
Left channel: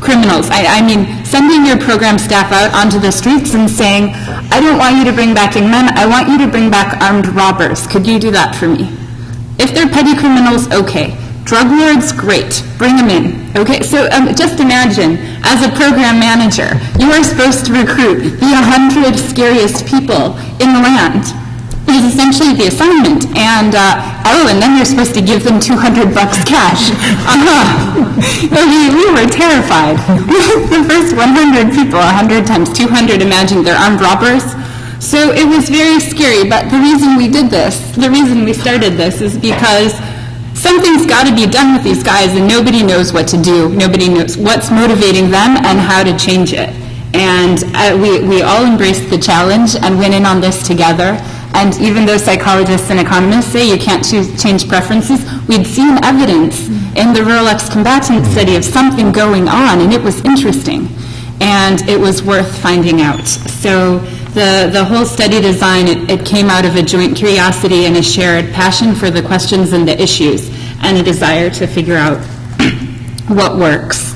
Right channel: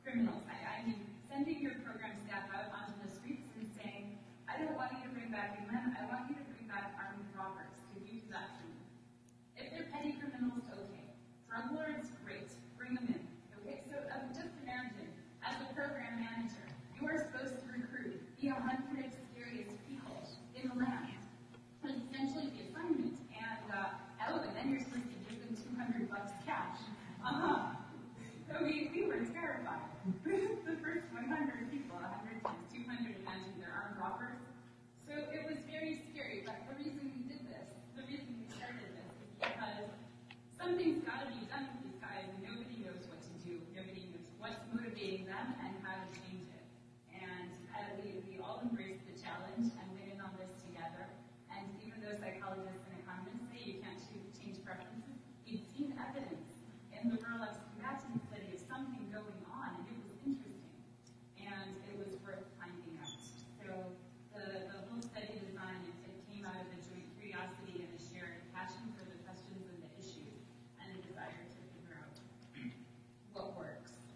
criminals. I mean, sending your program staff out onto the streets and saying, I don't want you to bring back young men, I want you to bring back armed robbers. Could you do that for me? If they're petty criminals, okay. Drug lords, great. Bring them in. Okay, so just imagine, as a program manager, you are supposed to recruit the 100 scariest people in the land. It is essentially the assignment. And, and then you're supposed to give them $200 cash. We were terrified. The first 100 people, 100 times 200, imagine they're armed robbers. So it was very scary, but the reason we did this, the reason we started this is because something's got to be done with these guys and nobody knows what to do. Nobody knows what's motivating them and how to change it. And we all embraced the challenge and went in on this together. And even though psychologists and economists say you can't change preferences, we'd seen evidence in the rural ex-combatant study of something going on, and it was interesting. And it was worth finding out. So the whole study design, it came out of a joint curiosity and a shared passion for the questions and the issues, and a desire to figure out what works.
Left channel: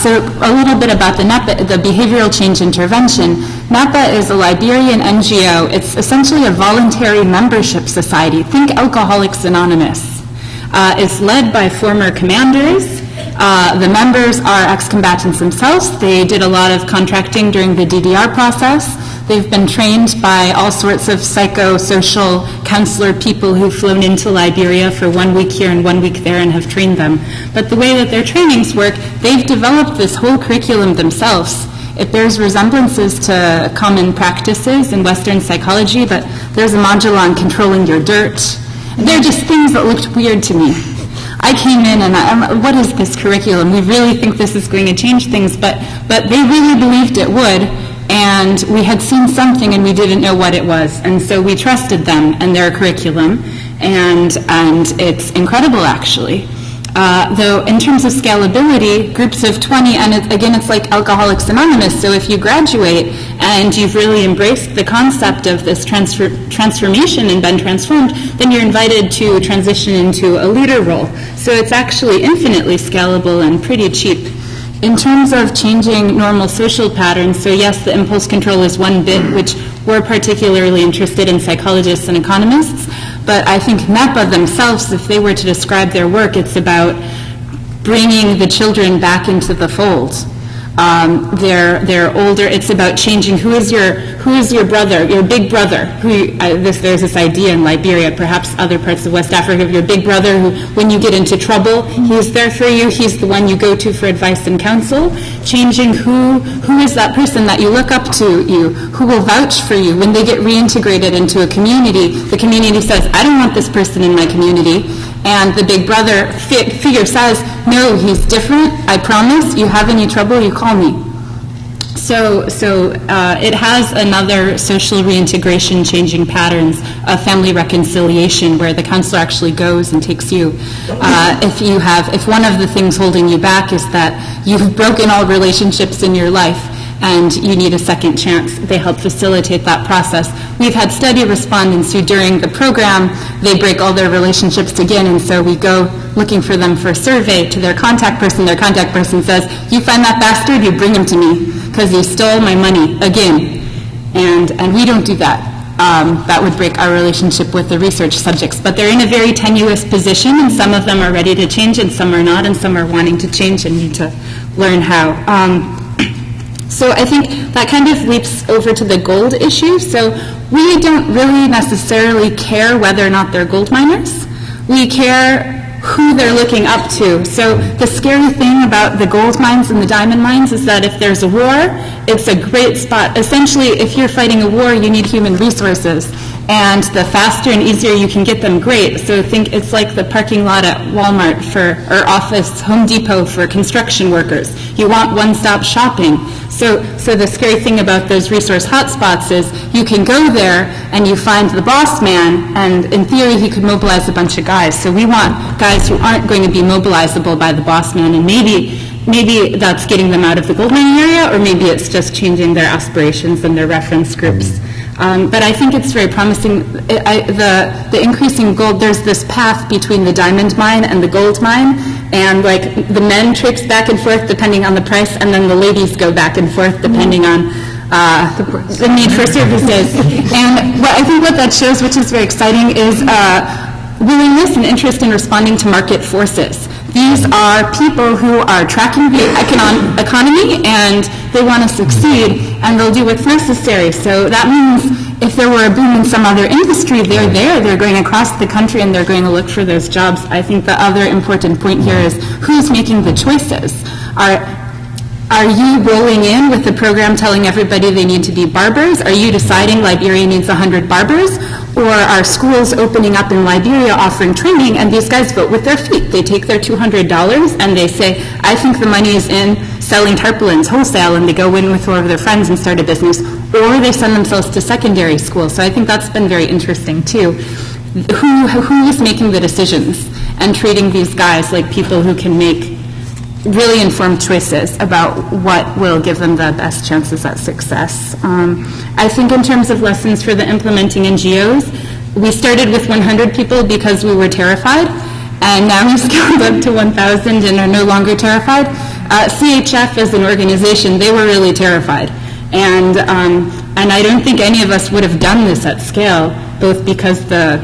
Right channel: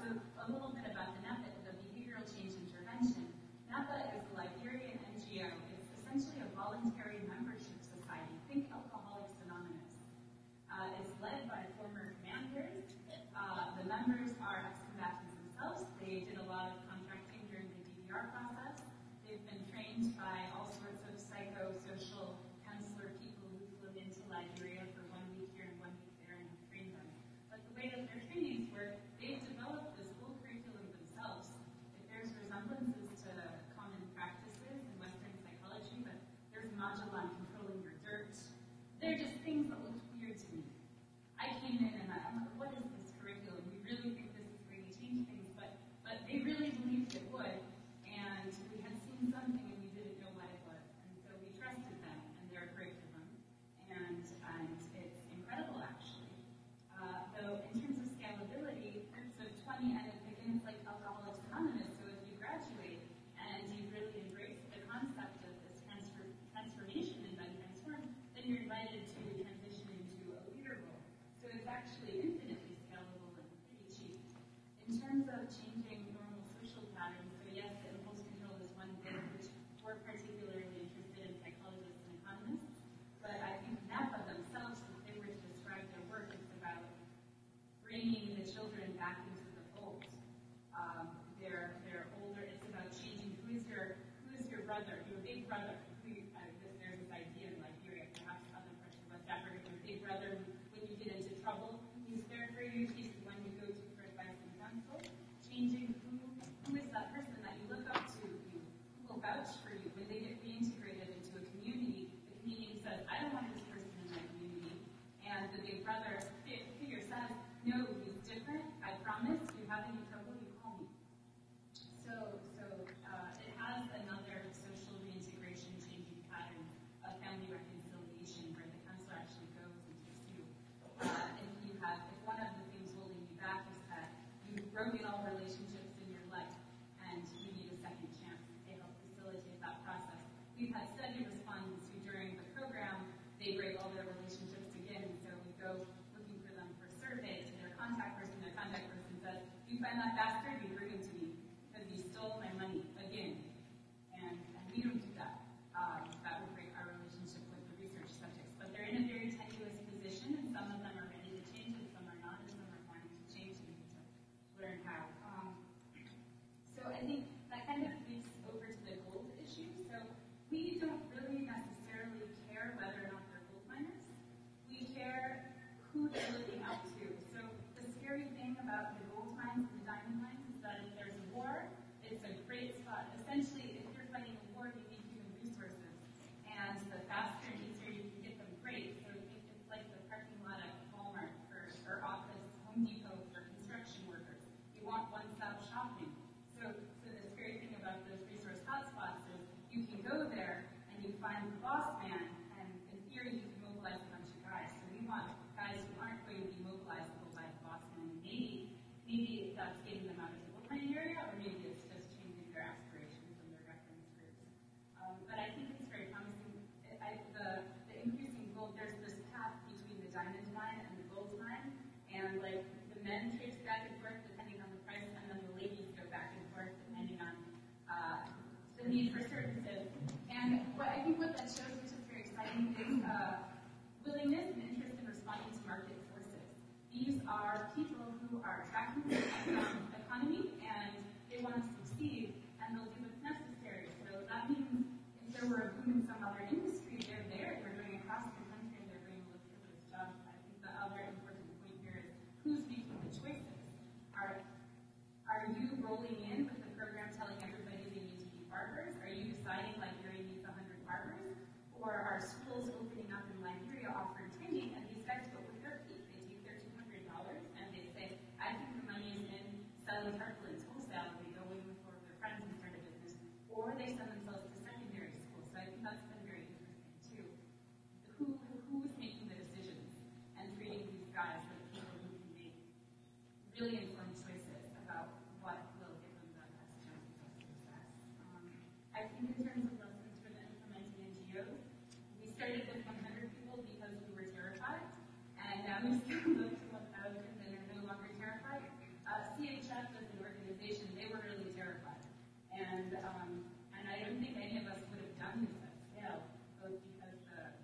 So a little bit about the NEPA, the Behavioral Change Intervention. NEPA is a Liberian NGO. It's essentially a voluntary membership society. Think Alcoholics Anonymous. It's led by former commanders. The members are ex-combatants themselves. They did a lot of contracting during the DDR process. They've been trained by all sorts of psychosocial counselor people who've flown into Liberia for 1 week here and 1 week there and have trained them. But the way that their trainings work, they've developed this whole curriculum themselves. It bears resemblances to common practices in Western psychology, but there's a module on controlling your dirt. They're just things that looked weird to me. I came in and I'm, what is this curriculum? We really think this is going to change things, but they really believed it would, and we had seen something and we didn't know what it was, and so we trusted them and their curriculum, and it's incredible actually. Though in terms of scalability, groups of 20, and again it's like Alcoholics Anonymous, so if you graduate and you've really embraced the concept of this transformation and been transformed, then you're invited to transition into a leader role. So it's actually infinitely scalable and pretty cheap. In terms of changing normal social patterns, so yes, the impulse control is one bit, which we're particularly interested in, psychologists and economists. But I think NEPA themselves, if they were to describe their work, it's about bringing the children back into the fold. They're older. It's about changing who is your brother, your big brother. There's this idea in Liberia, perhaps other parts of West Africa, of your big brother who, when you get into trouble, he's there for you. He's the one you go to for advice and counsel. Changing who is that person that you look up to you, who will vouch for you when they get reintegrated into a community. The community says, I don't want this person in my community. And the big brother figure says, no, he's different, I promise, you have any trouble, you call me. So it has another social reintegration, changing patterns, a family reconciliation where the counselor actually goes and takes you. If one of the things holding you back is that you've broken all relationships in your life, and you need a second chance, they help facilitate that process. We've had study respondents who during the program, they break all their relationships again, and so we go looking for them for a survey to their contact person. Their contact person says, you find that bastard, you bring him to me, because he stole my money again. And we don't do that. That would break our relationship with the research subjects. But they're in a very tenuous position, and some of them are ready to change, and some are not, and some are wanting to change and need to learn how. So I think that kind of leaps over to the gold issue. So we don't really necessarily care whether or not they're gold miners. We care who they're looking up to. So the scary thing about the gold mines and the diamond mines is that if there's a war, it's a great spot. Essentially, if you're fighting a war, you need human resources. And the faster and easier you can get them, great. So think it's like the parking lot at Walmart or office, Home Depot for construction workers. You want one-stop shopping. So the scary thing about those resource hotspots is you can go there and you find the boss man, and in theory he could mobilize a bunch of guys. So we want guys who aren't going to be mobilizable by the boss man, and maybe that's getting them out of the gold mining area, or maybe it's just changing their aspirations and their reference groups. But I think it's very promising. The increasing gold, there's this path between the diamond mine and the gold mine, and like the men traipse back and forth depending on the price, and then the ladies go back and forth depending on the need for services. And I think what that shows, which is very exciting, is willingness and interest in responding to market forces. These are people who are tracking the economy, and they want to succeed, and they'll do what's necessary. So that means if there were a boom in some other industry, they're going across the country, and they're going to look for those jobs. I think the other important point here is who's making the choices. Are you rolling in with the program telling everybody they need to be barbers? Are you deciding Liberia needs 100 barbers? Or are schools opening up in Liberia offering training, and these guys vote with their feet? They take their $200 and they say, I think the money is in selling tarpaulins wholesale, and they go in with four of their friends and start a business. Or they send themselves to secondary school. So I think that's been very interesting too. Who is making the decisions and treating these guys like people who can make really informed choices about what will give them the best chances at success. I think in terms of lessons for the implementing NGOs, we started with 100 people because we were terrified, and now we've scaled up to 1,000 and are no longer terrified. CHF as an organization, they were really terrified. And I don't think any of us would have done this at scale, both because the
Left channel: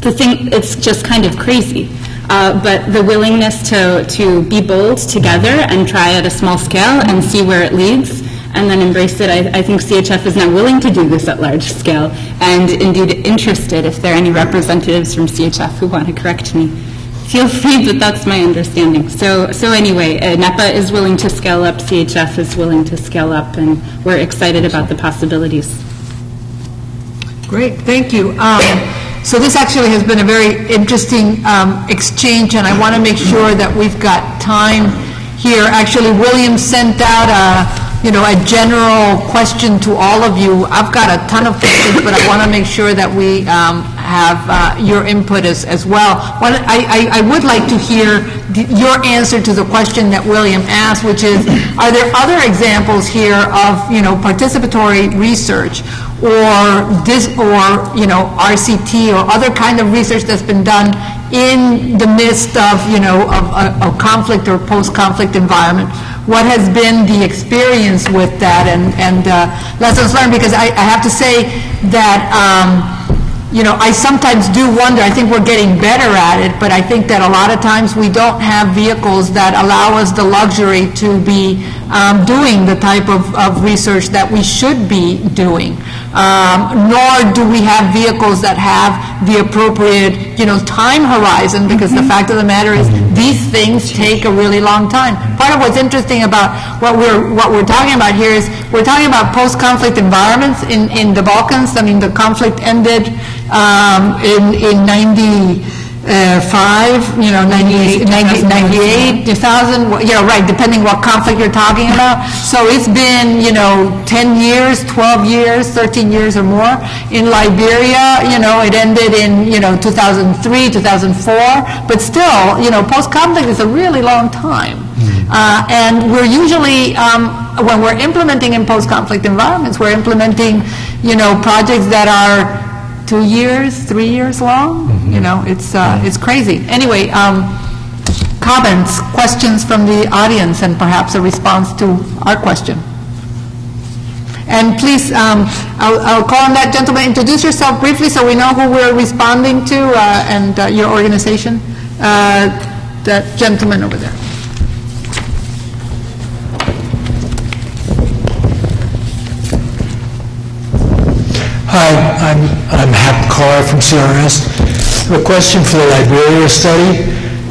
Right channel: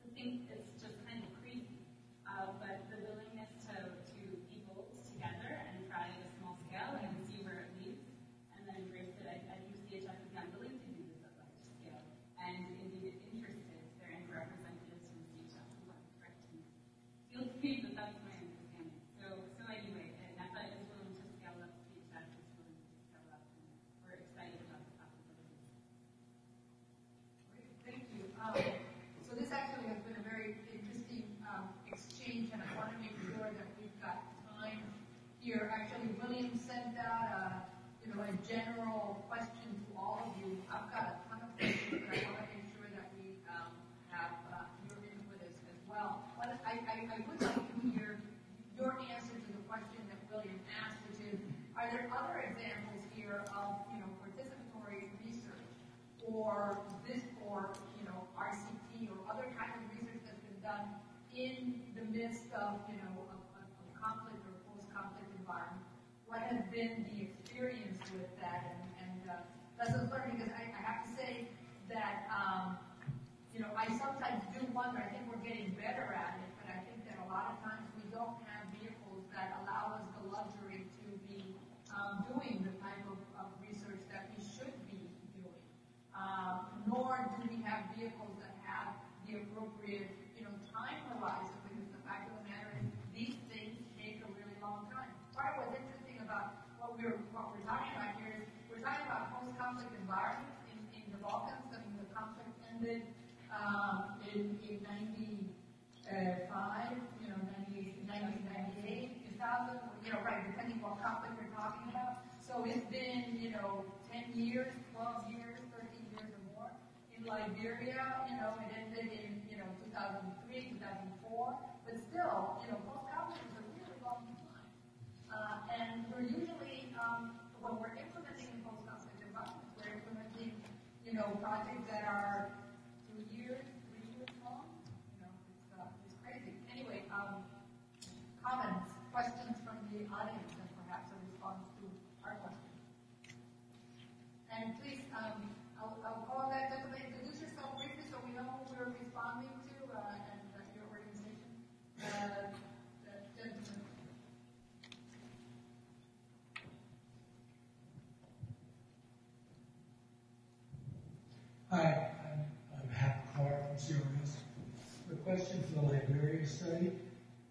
thing, it's just kind of crazy. But the willingness to be bold together and try at a small scale and see where it leads and then embrace it. I think CHF is now willing to do this at large scale, and indeed interested, if there are any representatives from CHF who want to correct me. feel free, but that's my understanding. So anyway, NEPA is willing to scale up, CHF is willing to scale up, and we're excited about the possibilities. Great, thank you. So this actually has been a very interesting exchange, and I want to make sure that we've got time here. Actually, William sent out a general question to all of you. I've got a ton of questions, but I want to make sure that we have your input as well. I would like to hear your answer to the question that William asked, which is, are there other examples here of, participatory research or RCT or other kind of research that's been done in the midst of, a conflict or post-conflict environment? What has been the experience with that and lessons learned? Because I have to say that, I sometimes do wonder, I think we're getting better at it, but I think that a lot of times we don't have vehicles that allow us the luxury to be doing the type of research that we should be doing. Nor do we have vehicles that have the appropriate, time horizon, because the fact of the matter is these things take a really long time. Part of what's interesting about what we're talking about here is we're talking about post-conflict environments in the Balkans. I mean, the conflict ended in 95, 98, 2000, right, depending what conflict you're talking about. So it's been, 10 years, 12 years, 13 years or more. In Liberia, it ended in, 2003, 2004. But still, post-conflict is a really long time. And we're usually, when we're implementing in post-conflict environments, we're implementing, projects that are 2 years, 3 years long. It's crazy. Anyway, comments, questions from the audience, and perhaps a response to our question. And please, I'll call on that gentleman. Introduce yourself briefly so we know who we're responding to and your organization. That gentleman over there. Hi, I'm Hap Carr from CRS. A question for the Liberia study,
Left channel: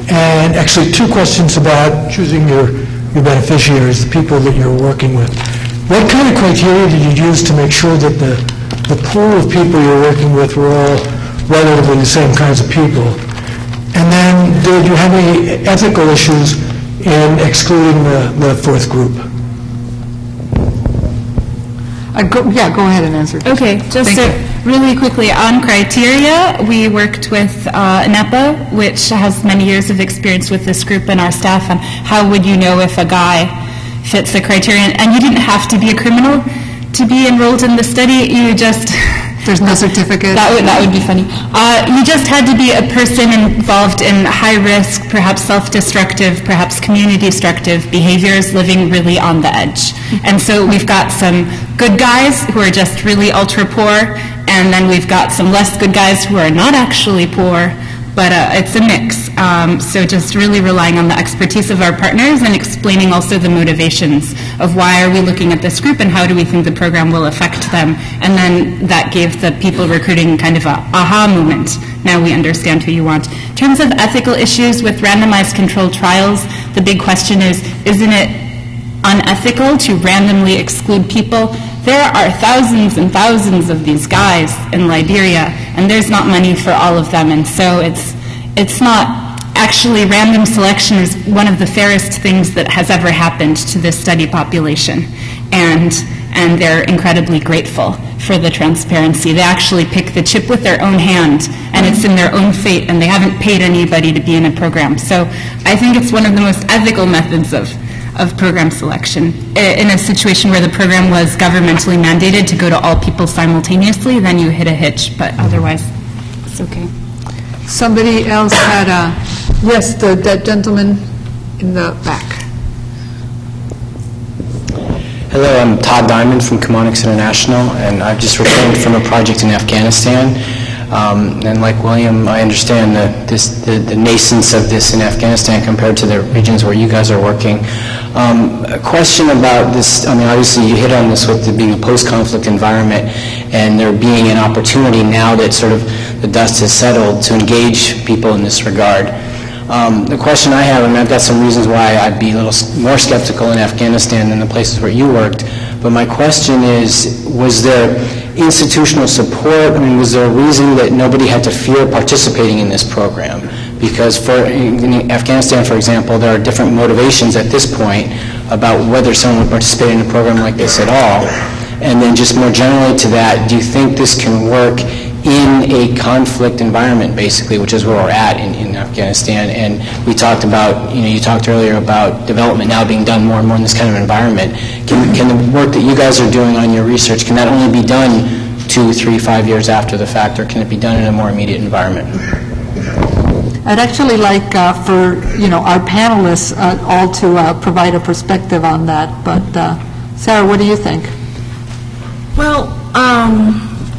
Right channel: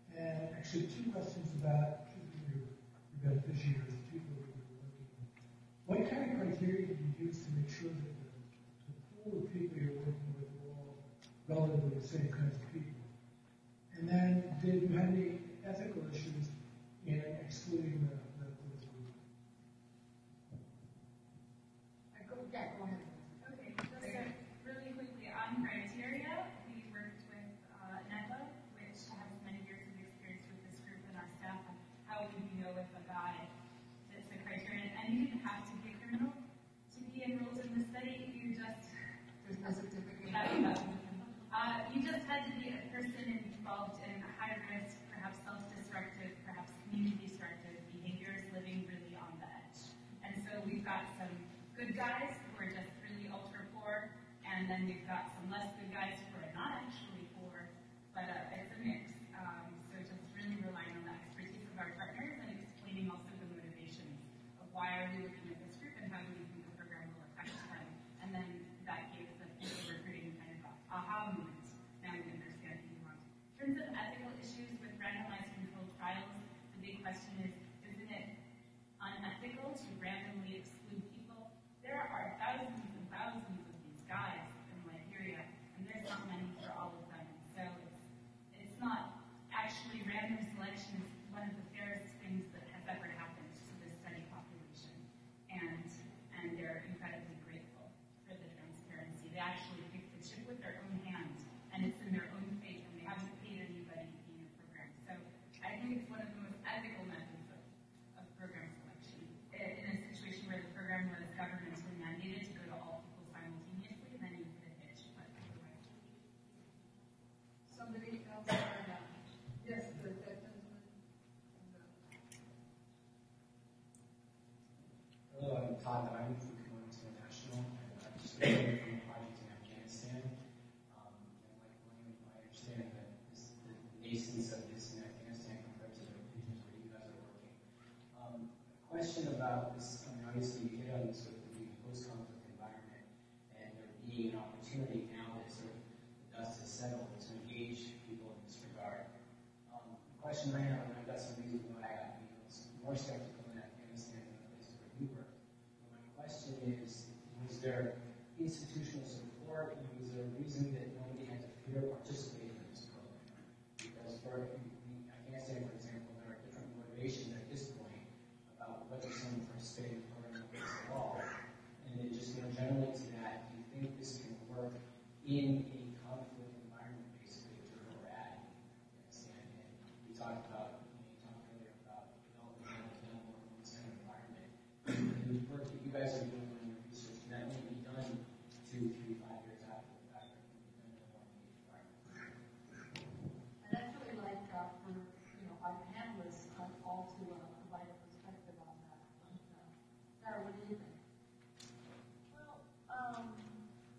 and actually two questions about choosing your beneficiaries, the people that you're working with. What kind of criteria did you use to make sure that the pool of people you're working with were all relatively the same kinds of people? And then, did you have any ethical issues in excluding the fourth group? Go ahead and answer. Okay, just really quickly on criteria, we worked with NEPA, which has many years of experience with this group and our staff, and how would you know if a guy fits the criteria? And you didn't have to be a criminal to be enrolled in the study. You just... There's no certificate? That would be funny. You just had to be a person involved in high risk, perhaps self-destructive, perhaps community-destructive behaviors, living really on the edge. And so we've got some good guys who are just really ultra poor, and then we've got some less good guys who are not actually poor, but it's a mix. So just really relying on the expertise of our partners and explaining also the motivations of why are we looking at this group and how do we think the program will affect them. And then that gave the people recruiting kind of a aha moment. Now we understand who you want. In terms of ethical issues with randomized controlled trials, the big question is, isn't it unethical to randomly exclude people? There are thousands and thousands of these guys in Liberia, and there's not money for all of them, and so it's not actually random selection is one of the fairest things that has ever happened to this study population, and they're incredibly grateful for the transparency. They actually pick the chip with their own hand, and it's in their own fate, and they haven't paid anybody to be in a program. So I think it's one of the most ethical methods of program selection. In a situation where the program was governmentally mandated to go to all people simultaneously, then you hit a hitch, but otherwise it's okay. Somebody else had yes, that gentleman in the back. Hello, I'm Todd Diamond from Chemonics International, and I've just returned from a project in Afghanistan. And like William, I understand the nascence of this in Afghanistan compared to the regions where you guys are working. A question about this, I mean, obviously you hit on this with it being a post-conflict environment and there being an opportunity now that sort of the dust has settled to engage people in this regard. The question I have, and I've got some reasons why I'd be a little more skeptical in Afghanistan than the places where you worked, but my question is, was there institutional support? I mean, was there a reason that nobody had to fear participating in this program? Because in Afghanistan, for example, there are different motivations at this point about whether someone would participate in a program like this at all. And then just more generally to that, do you think this can work in a conflict environment, basically, which is where we're at in Afghanistan? And we talked about, you talked earlier about development now being done more and more in this kind of environment. Can the work that you guys are doing on your research, can that only be done 2, 3, 5 years after the fact, or can it be done in a more immediate environment? I'd actually like for our panelists all to provide a perspective on that. But Sarah, what do you think? Well,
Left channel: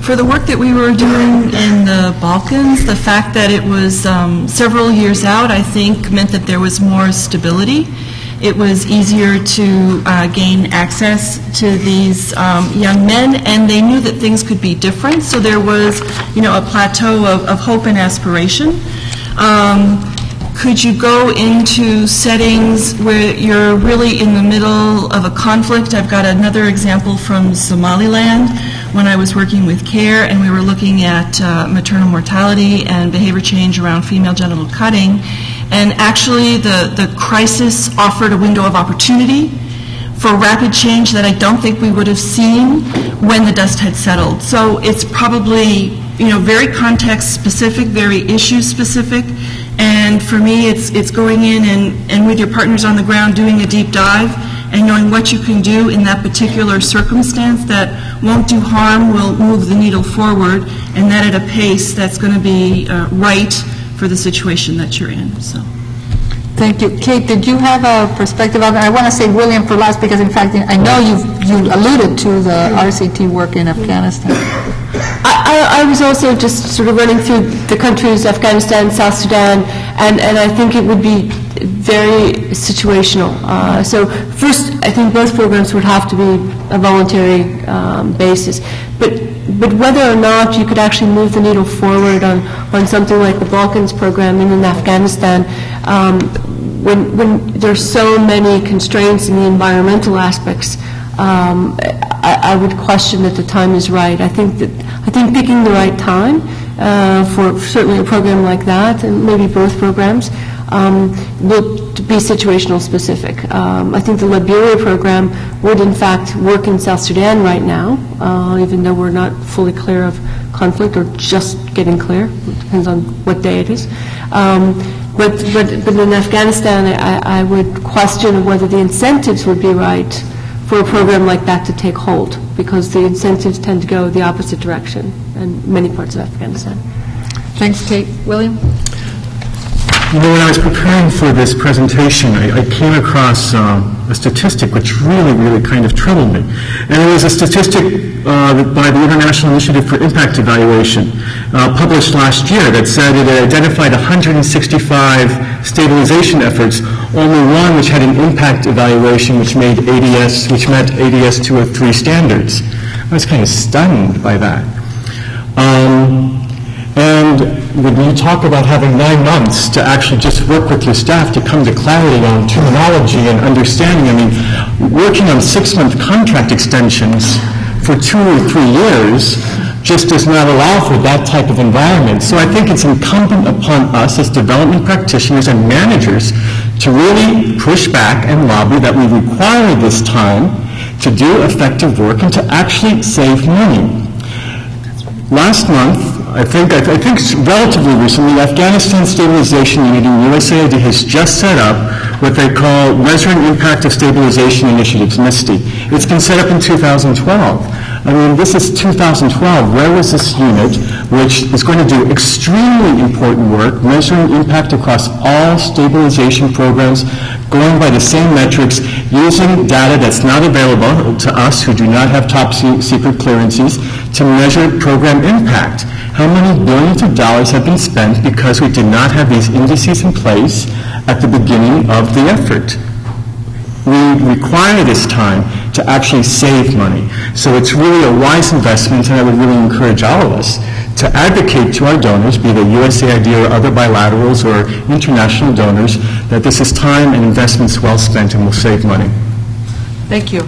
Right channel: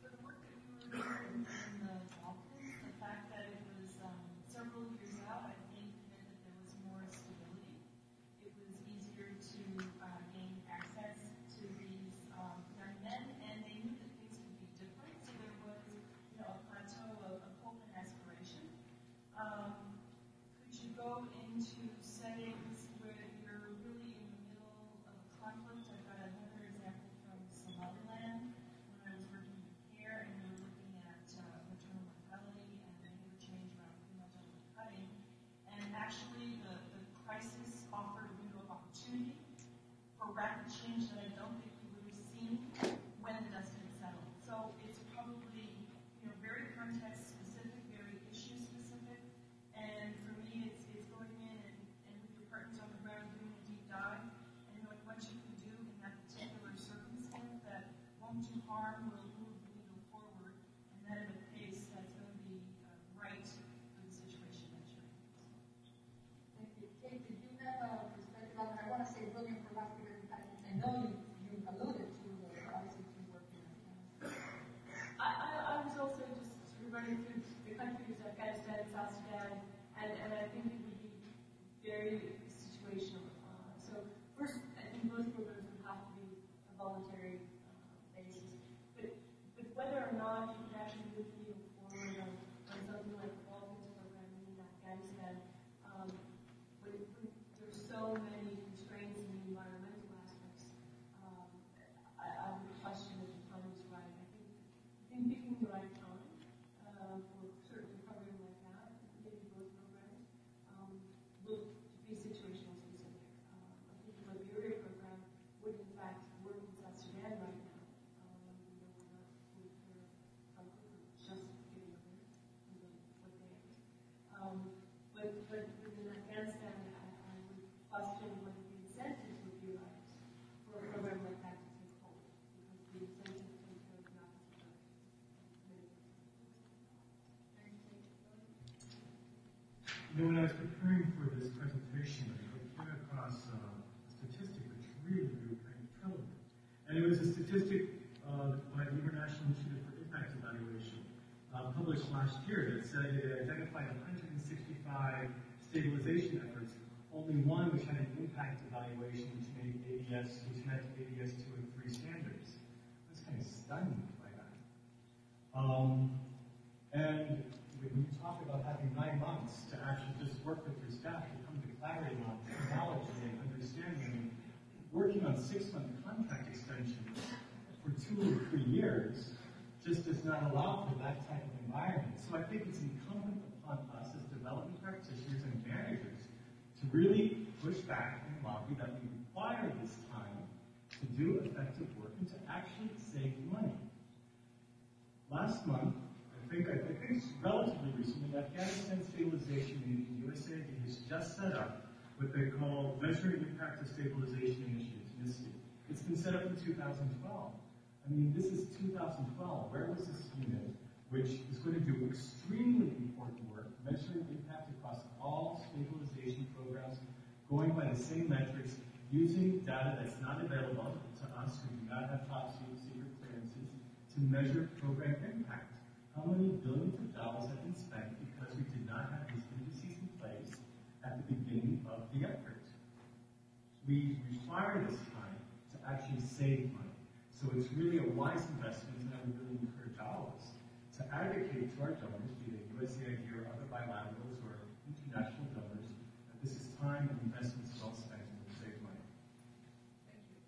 for the work that we were doing in the Balkans, the fact that it was several years out, I think, meant that there was more stability. It was easier to gain access to these young men, and they knew that things could be different. So there was, a plateau of hope and aspiration. Could you go into settings where you're really in the middle of a conflict? I've got another example from Somaliland when I was working with CARE, and we were looking at maternal mortality and behavior change around female genital cutting. And actually, the crisis offered a window of opportunity for rapid change that I don't think we would have seen when the dust had settled. So it's probably, very context-specific, very issue-specific. And for me, it's going in and with your partners on the ground doing a deep dive and knowing what you can do in that particular circumstance that won't do harm, will move the needle forward, and that at a pace that's going to be right for the situation that you're in. So. Thank you. Kate, did you have a perspective on that? I want to say William for last because, in fact, I know you alluded to the RCT work in Afghanistan. I was also just sort of running through the countries, Afghanistan, South Sudan, and I think it would be very situational. So first, I think both programs would have to be a voluntary basis. But whether or not you could actually move the needle forward on something like the Balkans program and in Afghanistan, when there's so many constraints in the environmental aspects, I would question that the time is right. I think picking the right time for certainly a program like that, and maybe both programs, will be situational specific. I think the Liberia program would in fact work in South Sudan right now, even though we're not fully clear of conflict or just getting clear. It depends on what day it is. But in Afghanistan, I would question whether the incentives would be right for a program like that to take hold, because the incentives tend to go the opposite direction in many parts of Afghanistan. Thanks, Kate. William? When I was preparing for this presentation, I came across a statistic which really kind of troubled me. And it was a statistic by the International Initiative for Impact Evaluation, published last year, that said it identified 165 stabilization efforts, only one which had an impact evaluation which met ADS 203 standards. I was kind of stunned by that. And when you talk about having 9 months to actually just work with your staff to come to clarity on terminology and understanding, I mean, working on 6-month contract extensions for 2 or 3 years just does not allow for that type of environment. So I think it's incumbent upon us as development practitioners and managers to really push back and lobby that we require this time to do effective work and to actually save money. Last month, I think relatively recently, Afghanistan Stabilization Unit in USAID has just set up what they call Measuring Impact of Stabilization Initiatives, MISTI. It's been set up in 2012. I mean, this is 2012. Where was this unit, which is going to do extremely important work, measuring impact across all stabilization programs, going by the same metrics, using data that's not available to us who do not have top secret clearances to measure program impact? How many billions of dollars have been spent because we did not have these indices in place at the beginning of the effort? We require this time to actually save money. So it's really a wise investment, and I would really encourage all of us to advocate to our donors, be they USAID or other bilaterals or international donors, that this is time and investments well spent and will save money. Thank you.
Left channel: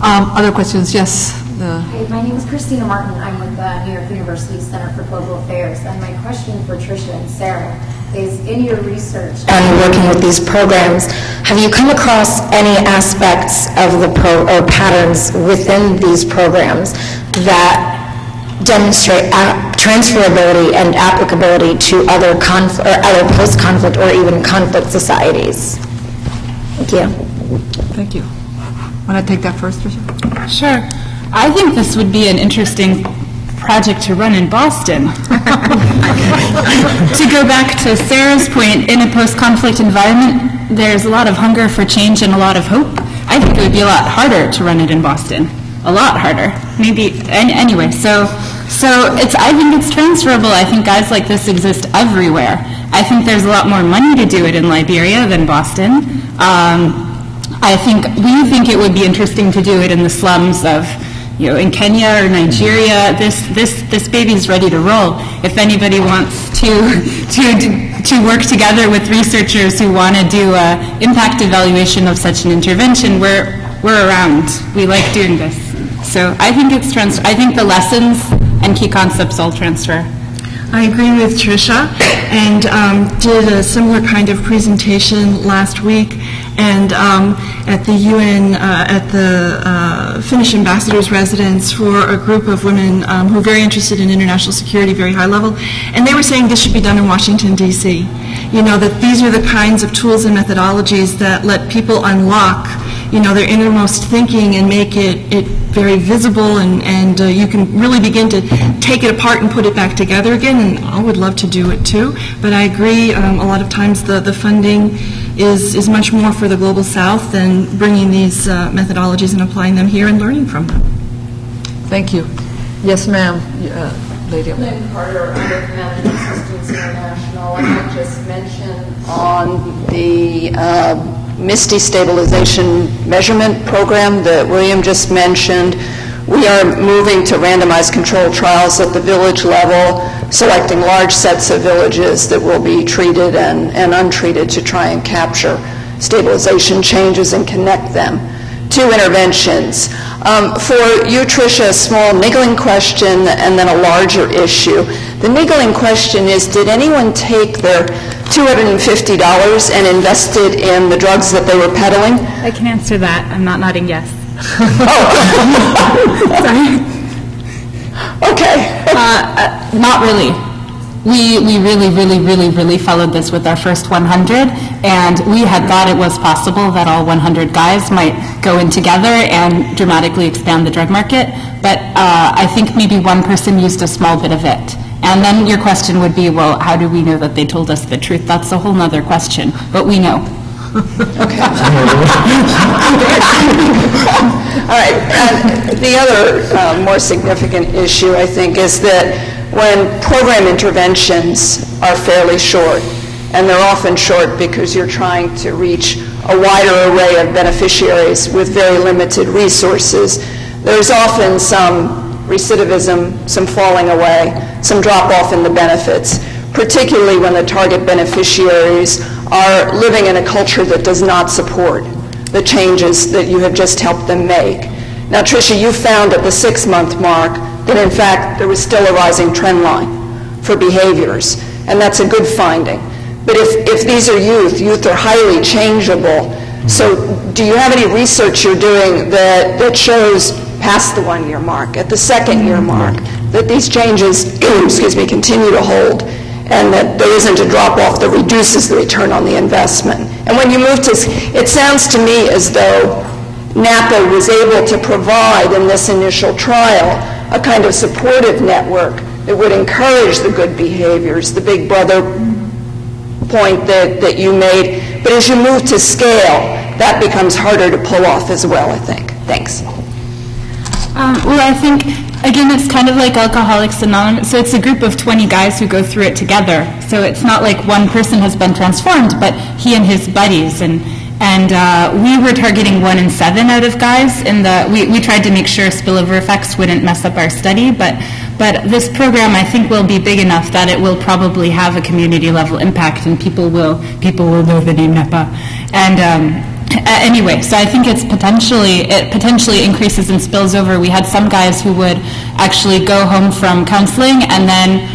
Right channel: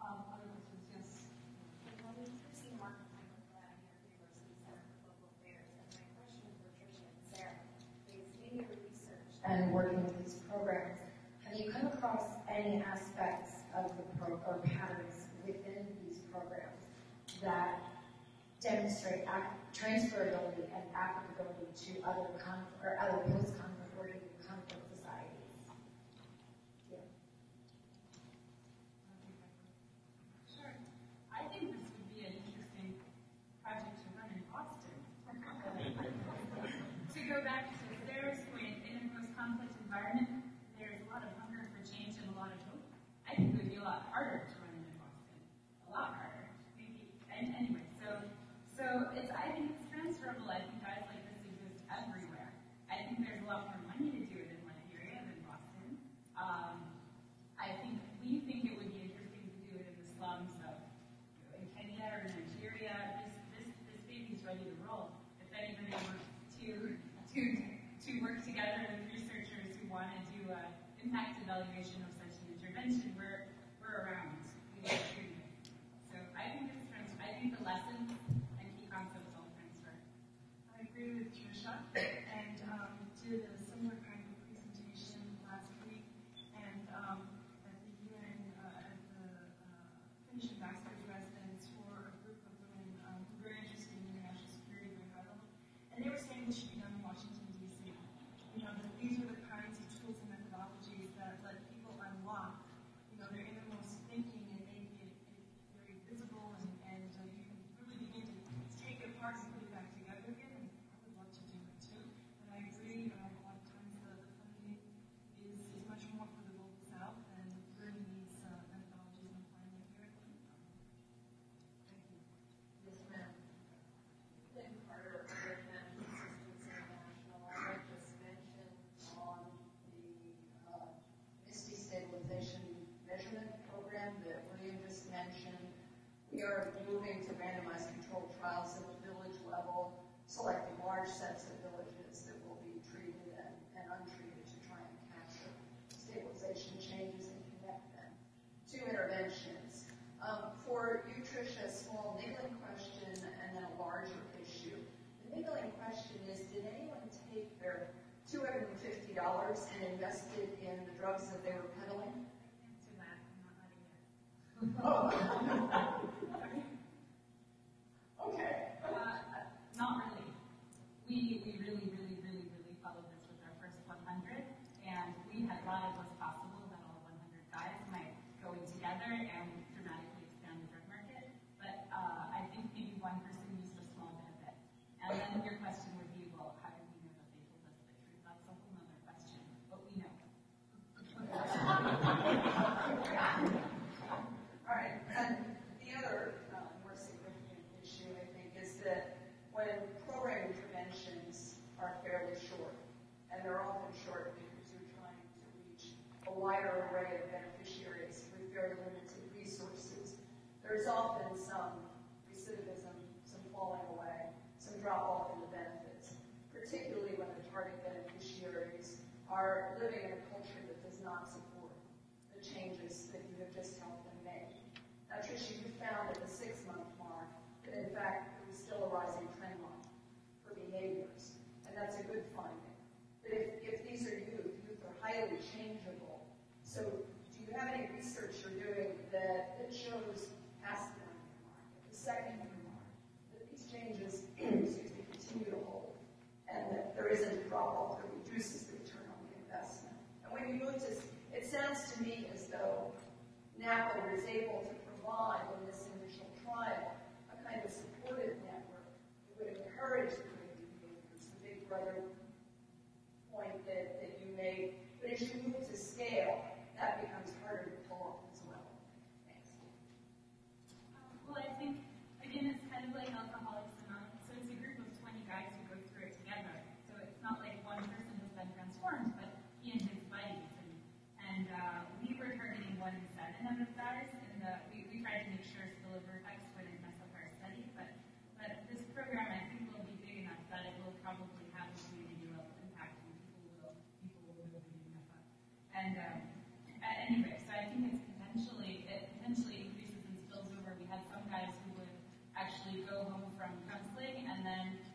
Other questions? Yes. Hi, my name is Christina Martin. I'm with the New York University Center for Global Affairs. And my question for Tricia and Sarah is, in your research and working with these programs, have you come across any aspects of the or patterns within these programs that demonstrate transferability and applicability to other other post-conflict or even conflict societies? Thank you. Thank you. Want to take that first, Tricia? Sure. I think this would be an interesting project to run in Boston. To go back to Sarah's point, in a post-conflict environment, there's a lot of hunger for change and a lot of hope. I think it would be a lot harder to run it in Boston. A lot harder. Maybe, anyway, so I think it's transferable. I think guys like this exist everywhere. I think there's a lot more money to do it in Liberia than Boston. We think it would be interesting to do it in the slums of, in Kenya or Nigeria. This baby's ready to roll. If anybody wants to work together with researchers who want to do an impact evaluation of such an intervention, we're around. We like doing this. So I think I think the lessons and key concepts all transfer. I agree with Tricia, and did a similar kind of presentation last week, and at the UN, at the Finnish ambassador's residence for a group of women who are very interested in international security, very high level, and they were saying this should be done in Washington, D.C. That these are the kinds of tools and methodologies that let people unlock their innermost thinking and make it very visible, and you can really begin to take it apart and put it back together again, and I would love to do it too. But I agree, a lot of times the funding is much more for the Global South than bringing these methodologies and applying them here and learning from them. Thank you. Yes, ma'am. Lady. Lynn Carter, under Command and Assistance International. I might just mention on the MISTI stabilization measurement program that William just mentioned, we are moving to randomized controlled trials at the village level, selecting large sets of villages that will be treated and untreated to try and capture stabilization changes and connect them to interventions. For you, Tricia, a small niggling question and then a larger issue. The niggling question is, did anyone take their $250 and invest it in the drugs that they were peddling? I can answer that. I'm not nodding yes. Sorry. Okay. Not really. We really followed this with our first 100, and we had thought it was possible that all 100 guys might go in together and dramatically expand the drug market, but I think maybe one person used a small bit of it. And then your question would be, well, how do we know that they told us the truth? That's a whole nother question, but we know. Okay. All right. The other more significant issue, I think, is that when program interventions are fairly short, and they're often short because you're trying to reach a wider array of beneficiaries with very limited resources, there's often some recidivism, some falling away, some drop-off in the benefits, particularly when the target beneficiaries are living in a culture that does not support the changes that you have just helped them make. Now, Tricia, you found at the 6-month mark that, in fact, there was still a rising trend line for behaviors, and that's a good finding. But if these are youth are highly changeable. So do you have any research you're doing that shows past the 1-year mark, at the 2nd-year mark, that these changes, continue to hold, and that there isn't a drop-off that reduces the return on the investment? And when you move to, it sounds to me as though NAPA was able to provide in this initial trial a kind of supportive network that would encourage the good behaviors, the big brother point that you made. But as you move to scale, that becomes harder to pull off as well, I think. Thanks. Well, I think, again, it's kind of like Alcoholics Anonymous. So it's a group of 20 guys who go through it together. So it's not like one person has been transformed, but he and his buddies. And we were targeting 1 in 7 out of guys. We tried to make sure spillover effects wouldn't mess up our study, but But this program, I think, will be big enough that it will probably have a community-level impact, and people will know the name NEPA. And anyway, so I think it potentially increases and spills over. We had some guys who would actually go home from counseling and then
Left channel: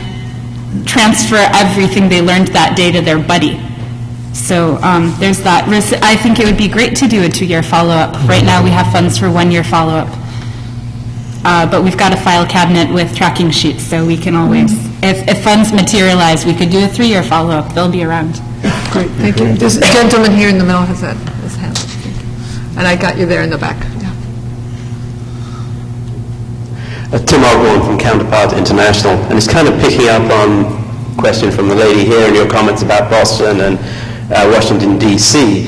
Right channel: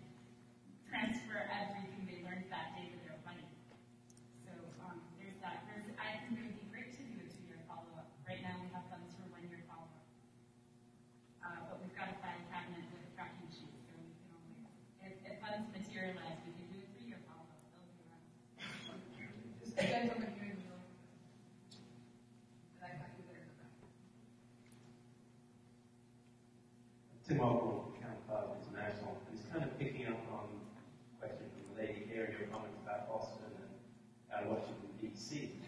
transfer everything they learned that day to their buddy. So there's that. I think it would be great to do a 2-year follow-up. Right now we have funds for 1-year follow-up. But we've got a file cabinet with tracking sheets, so we can always, if funds materialize, we could do a 3-year follow-up. They'll be around. Great, thank you. This gentleman here in the middle has his hand. And I got you there in the back. Yeah. Tim Osborne from Counterpart International, and it's kind of picking up on a question from the lady here and your comments about Boston and Washington, D.C.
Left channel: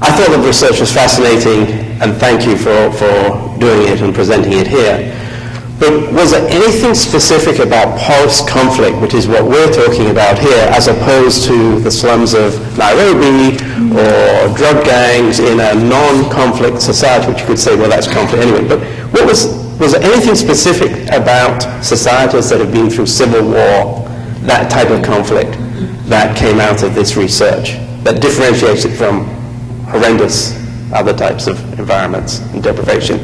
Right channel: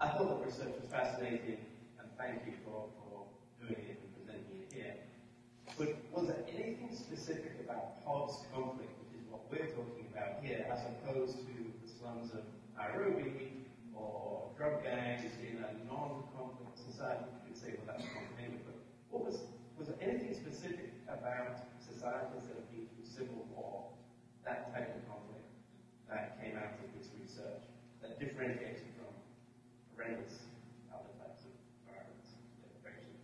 I thought the research was fascinating, and thank you for doing it and presenting it here. But was there anything specific about post-conflict, which is what we're talking about here, as opposed to the slums of Nairobi or drug gangs in a non-conflict society, which you could say, well, that's conflict anyway. But was there anything specific about societies that have been through civil war, that type of conflict, that came out of this research, that differentiates it from horrendous other types of environments and deprivation?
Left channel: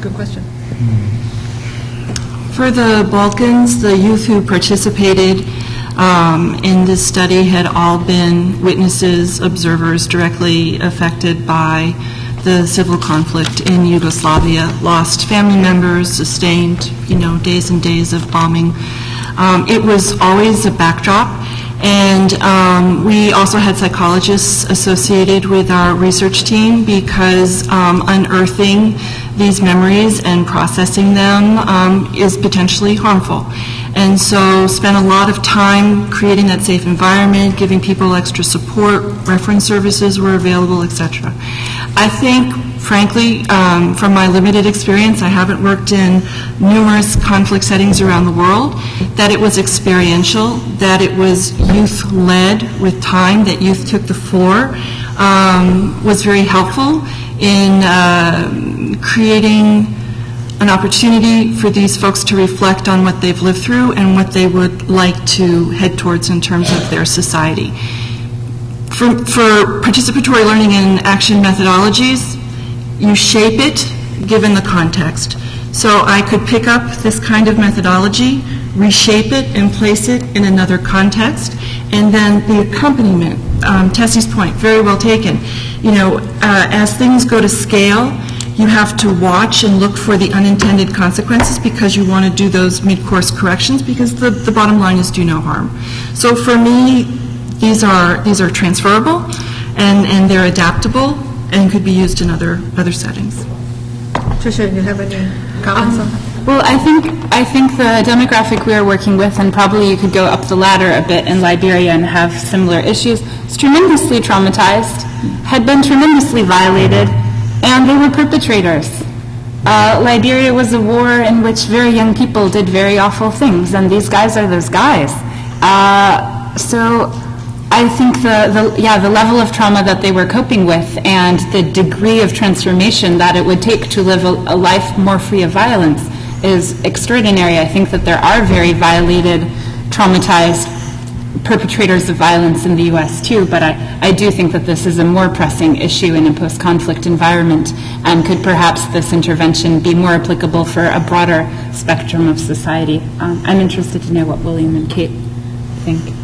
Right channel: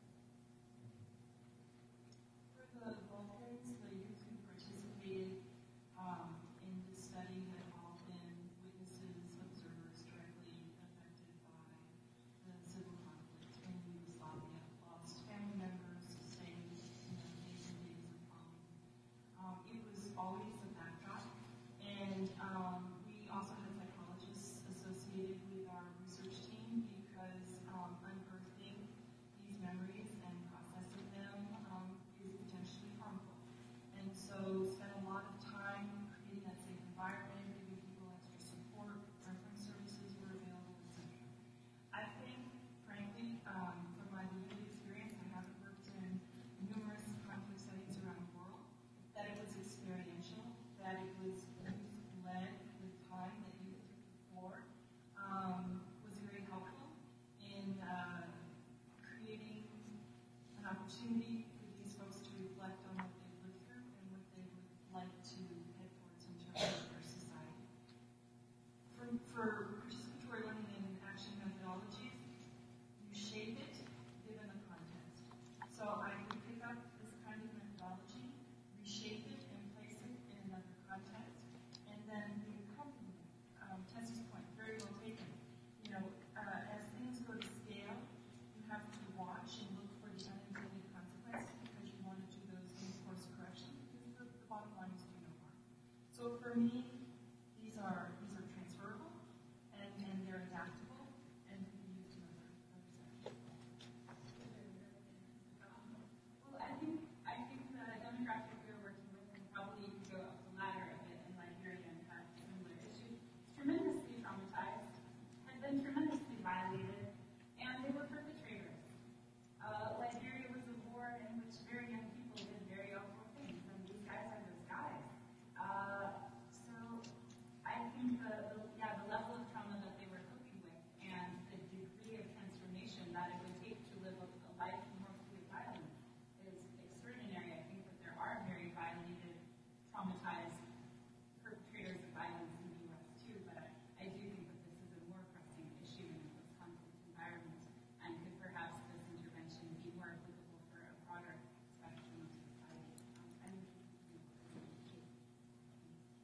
Good question. For the Balkans, the youth who participated in this study had all been witnesses, observers directly affected by the civil conflict in Yugoslavia, lost family members, sustained, days and days of bombing. It was always a backdrop. And we also had psychologists associated with our research team because unearthing these memories and processing them is potentially harmful. And so spent a lot of time creating that safe environment, giving people extra support, reference services were available, etc. I think, frankly, from my limited experience, I haven't worked in numerous conflict settings around the world, that it was experiential, that it was youth-led with time, that youth took the floor, was very helpful in creating an opportunity for these folks to reflect on what they've lived through and what they would like to head towards in terms of their society. For participatory learning and action methodologies, you shape it given the context. So I could pick up this kind of methodology, reshape it, and place it in another context, and then the accompaniment, Tessie's point, very well taken. As things go to scale, you have to watch and look for the unintended consequences because you want to do those mid-course corrections because the bottom line is do no harm. So for me, these are transferable and they're adaptable and could be used in other settings. Tricia, you have any comments on that? Well, I think the demographic we are working with, and probably you could go up the ladder a bit in Liberia and have similar issues, is tremendously traumatized, had been tremendously violated, and they were perpetrators. Liberia was a war in which very young people did very awful things, and these guys are those guys. So I think the level of trauma that they were coping with and the degree of transformation that it would take to live a life more free of violence is extraordinary. I think that there are very violated, traumatized perpetrators of violence in the U.S. too, but I do think that this is a more pressing issue in a post-conflict environment, and could perhaps this intervention be more applicable for a broader spectrum of society. I'm interested to know what William and Kate think.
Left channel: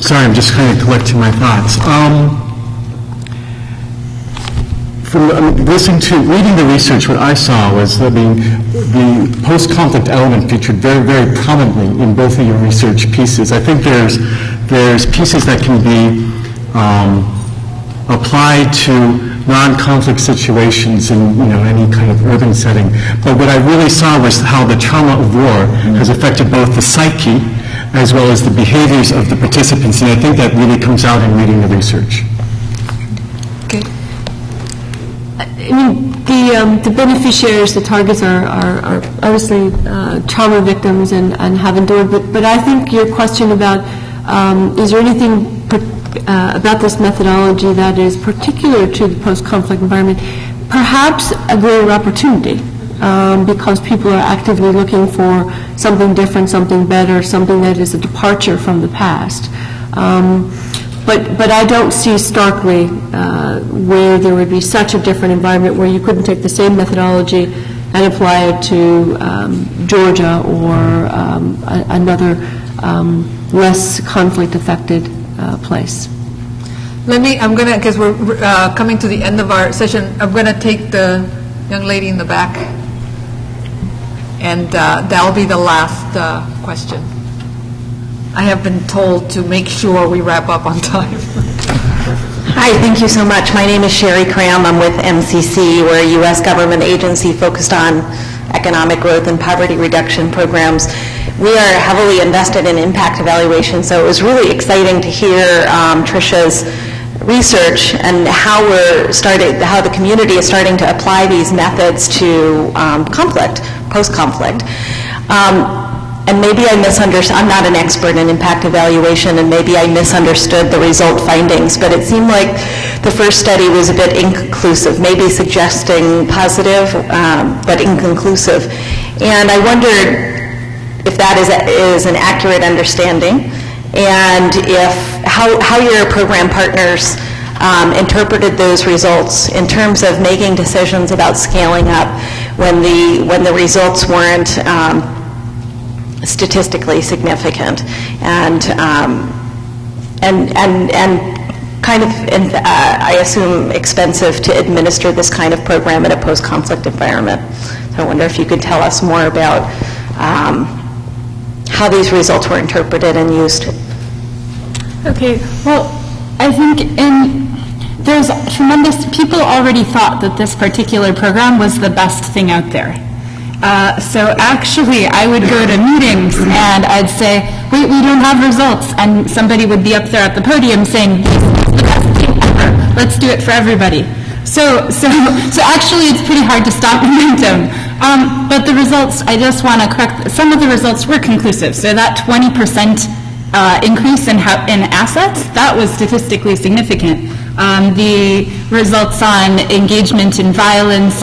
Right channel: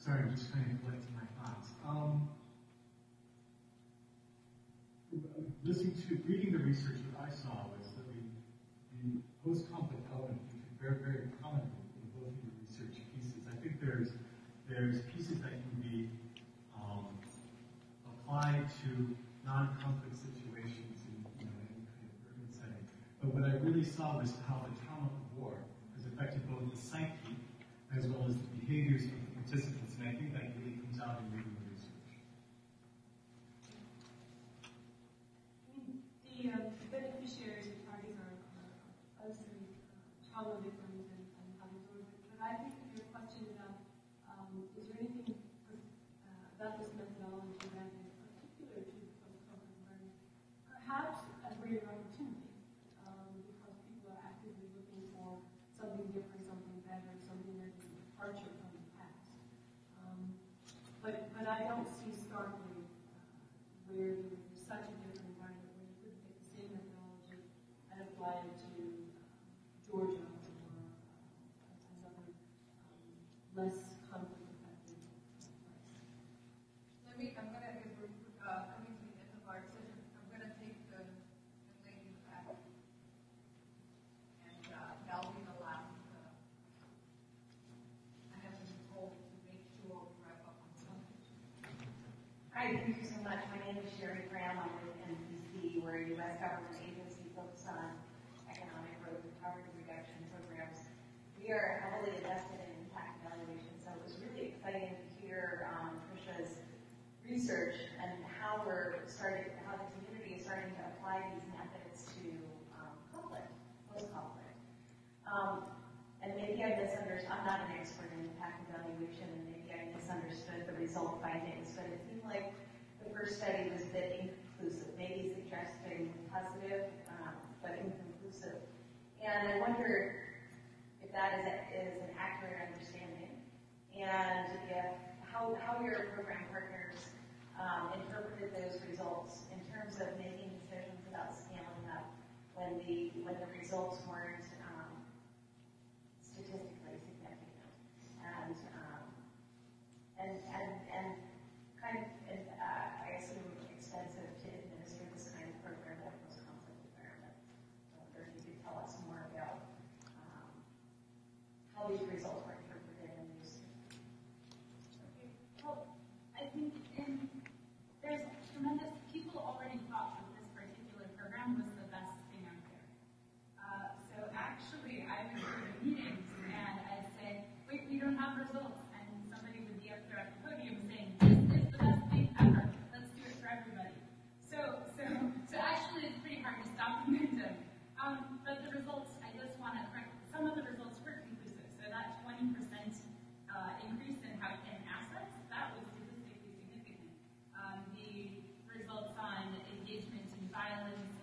Sorry, I'm just kind of collecting my thoughts. Reading the research, what I saw was that the post-conflict element featured very, very prominently in both of your research pieces. I think there's pieces that can be applied to non-conflict situations in any kind of urban setting. But what I really saw was how the trauma of war has affected both the psyche as well as the behaviors of the participants, and I think that really comes out in reading the research. Okay. I mean, the beneficiaries, the targets are obviously trauma victims and have endured, but I think your question about is there anything about this methodology that is particular to the post-conflict environment, perhaps a greater opportunity, because people are actively looking for something different, something better, something that is a departure from the past. But I don't see starkly where there would be such a different environment where you couldn't take the same methodology and apply it to Georgia or another less conflict-affected place. I'm going to, because we're coming to the end of our session, I'm going to take the young lady in the back, and that'll be the last question. I have been told to make sure we wrap up on time. Hi, thank you so much. My name is Sherry Cram. I'm with MCC. We're a U.S. government agency focused on economic growth and poverty reduction programs. We are heavily invested in impact evaluation, so it was really exciting to hear Tricia's research and how the community is starting to apply these methods to conflict, post-conflict. And maybe I misunderstood, I'm not an expert in impact evaluation, and maybe I misunderstood the result findings, but it seemed like the first study was a bit inconclusive, maybe suggesting positive, but inconclusive. And I wondered if that is an accurate understanding, and how your program partners interpreted those results in terms of making decisions about scaling up when the results weren't statistically significant, and kind of, I assume, expensive to administer this kind of program in a post-conflict environment. So I wonder if you could tell us more about how these results were interpreted and used. Okay, well, I think there's tremendous, people already thought that this particular program was the best thing out there. So actually, I would go to meetings and I'd say, wait, we don't have results. And somebody would be up there at the podium saying, this is the best thing ever. Let's do it for everybody. So actually, it's pretty hard to stop momentum. But the results, I just want to correct, some of the results were conclusive. So that 20% increase in assets, that was statistically significant. The results on engagement in violence,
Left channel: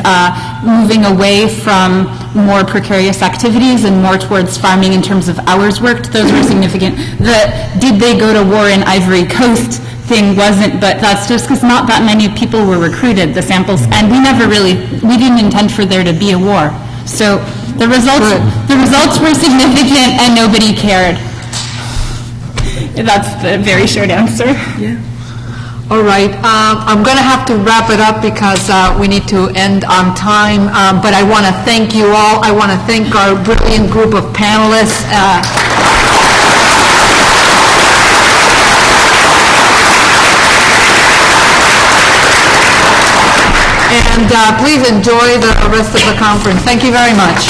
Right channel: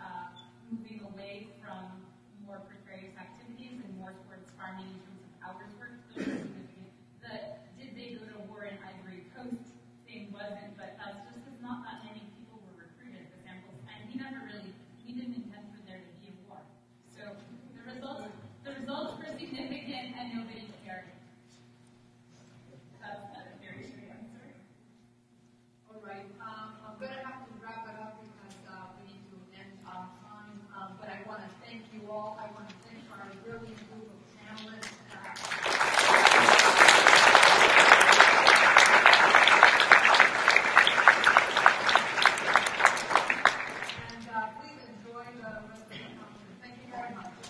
moving away from more precarious activities and more towards farming in terms of hours worked, those were significant. The did they go to war in Ivory Coast thing wasn't, but that's just because not that many people were recruited, the samples, and we didn't intend for there to be a war. So the results were significant and nobody cared. That's the very short answer. Yeah. All right, I'm going to have to wrap it up because we need to end on time, but I want to thank you all. I want to thank our brilliant group of panelists. And please enjoy the rest of the conference. Thank you very much.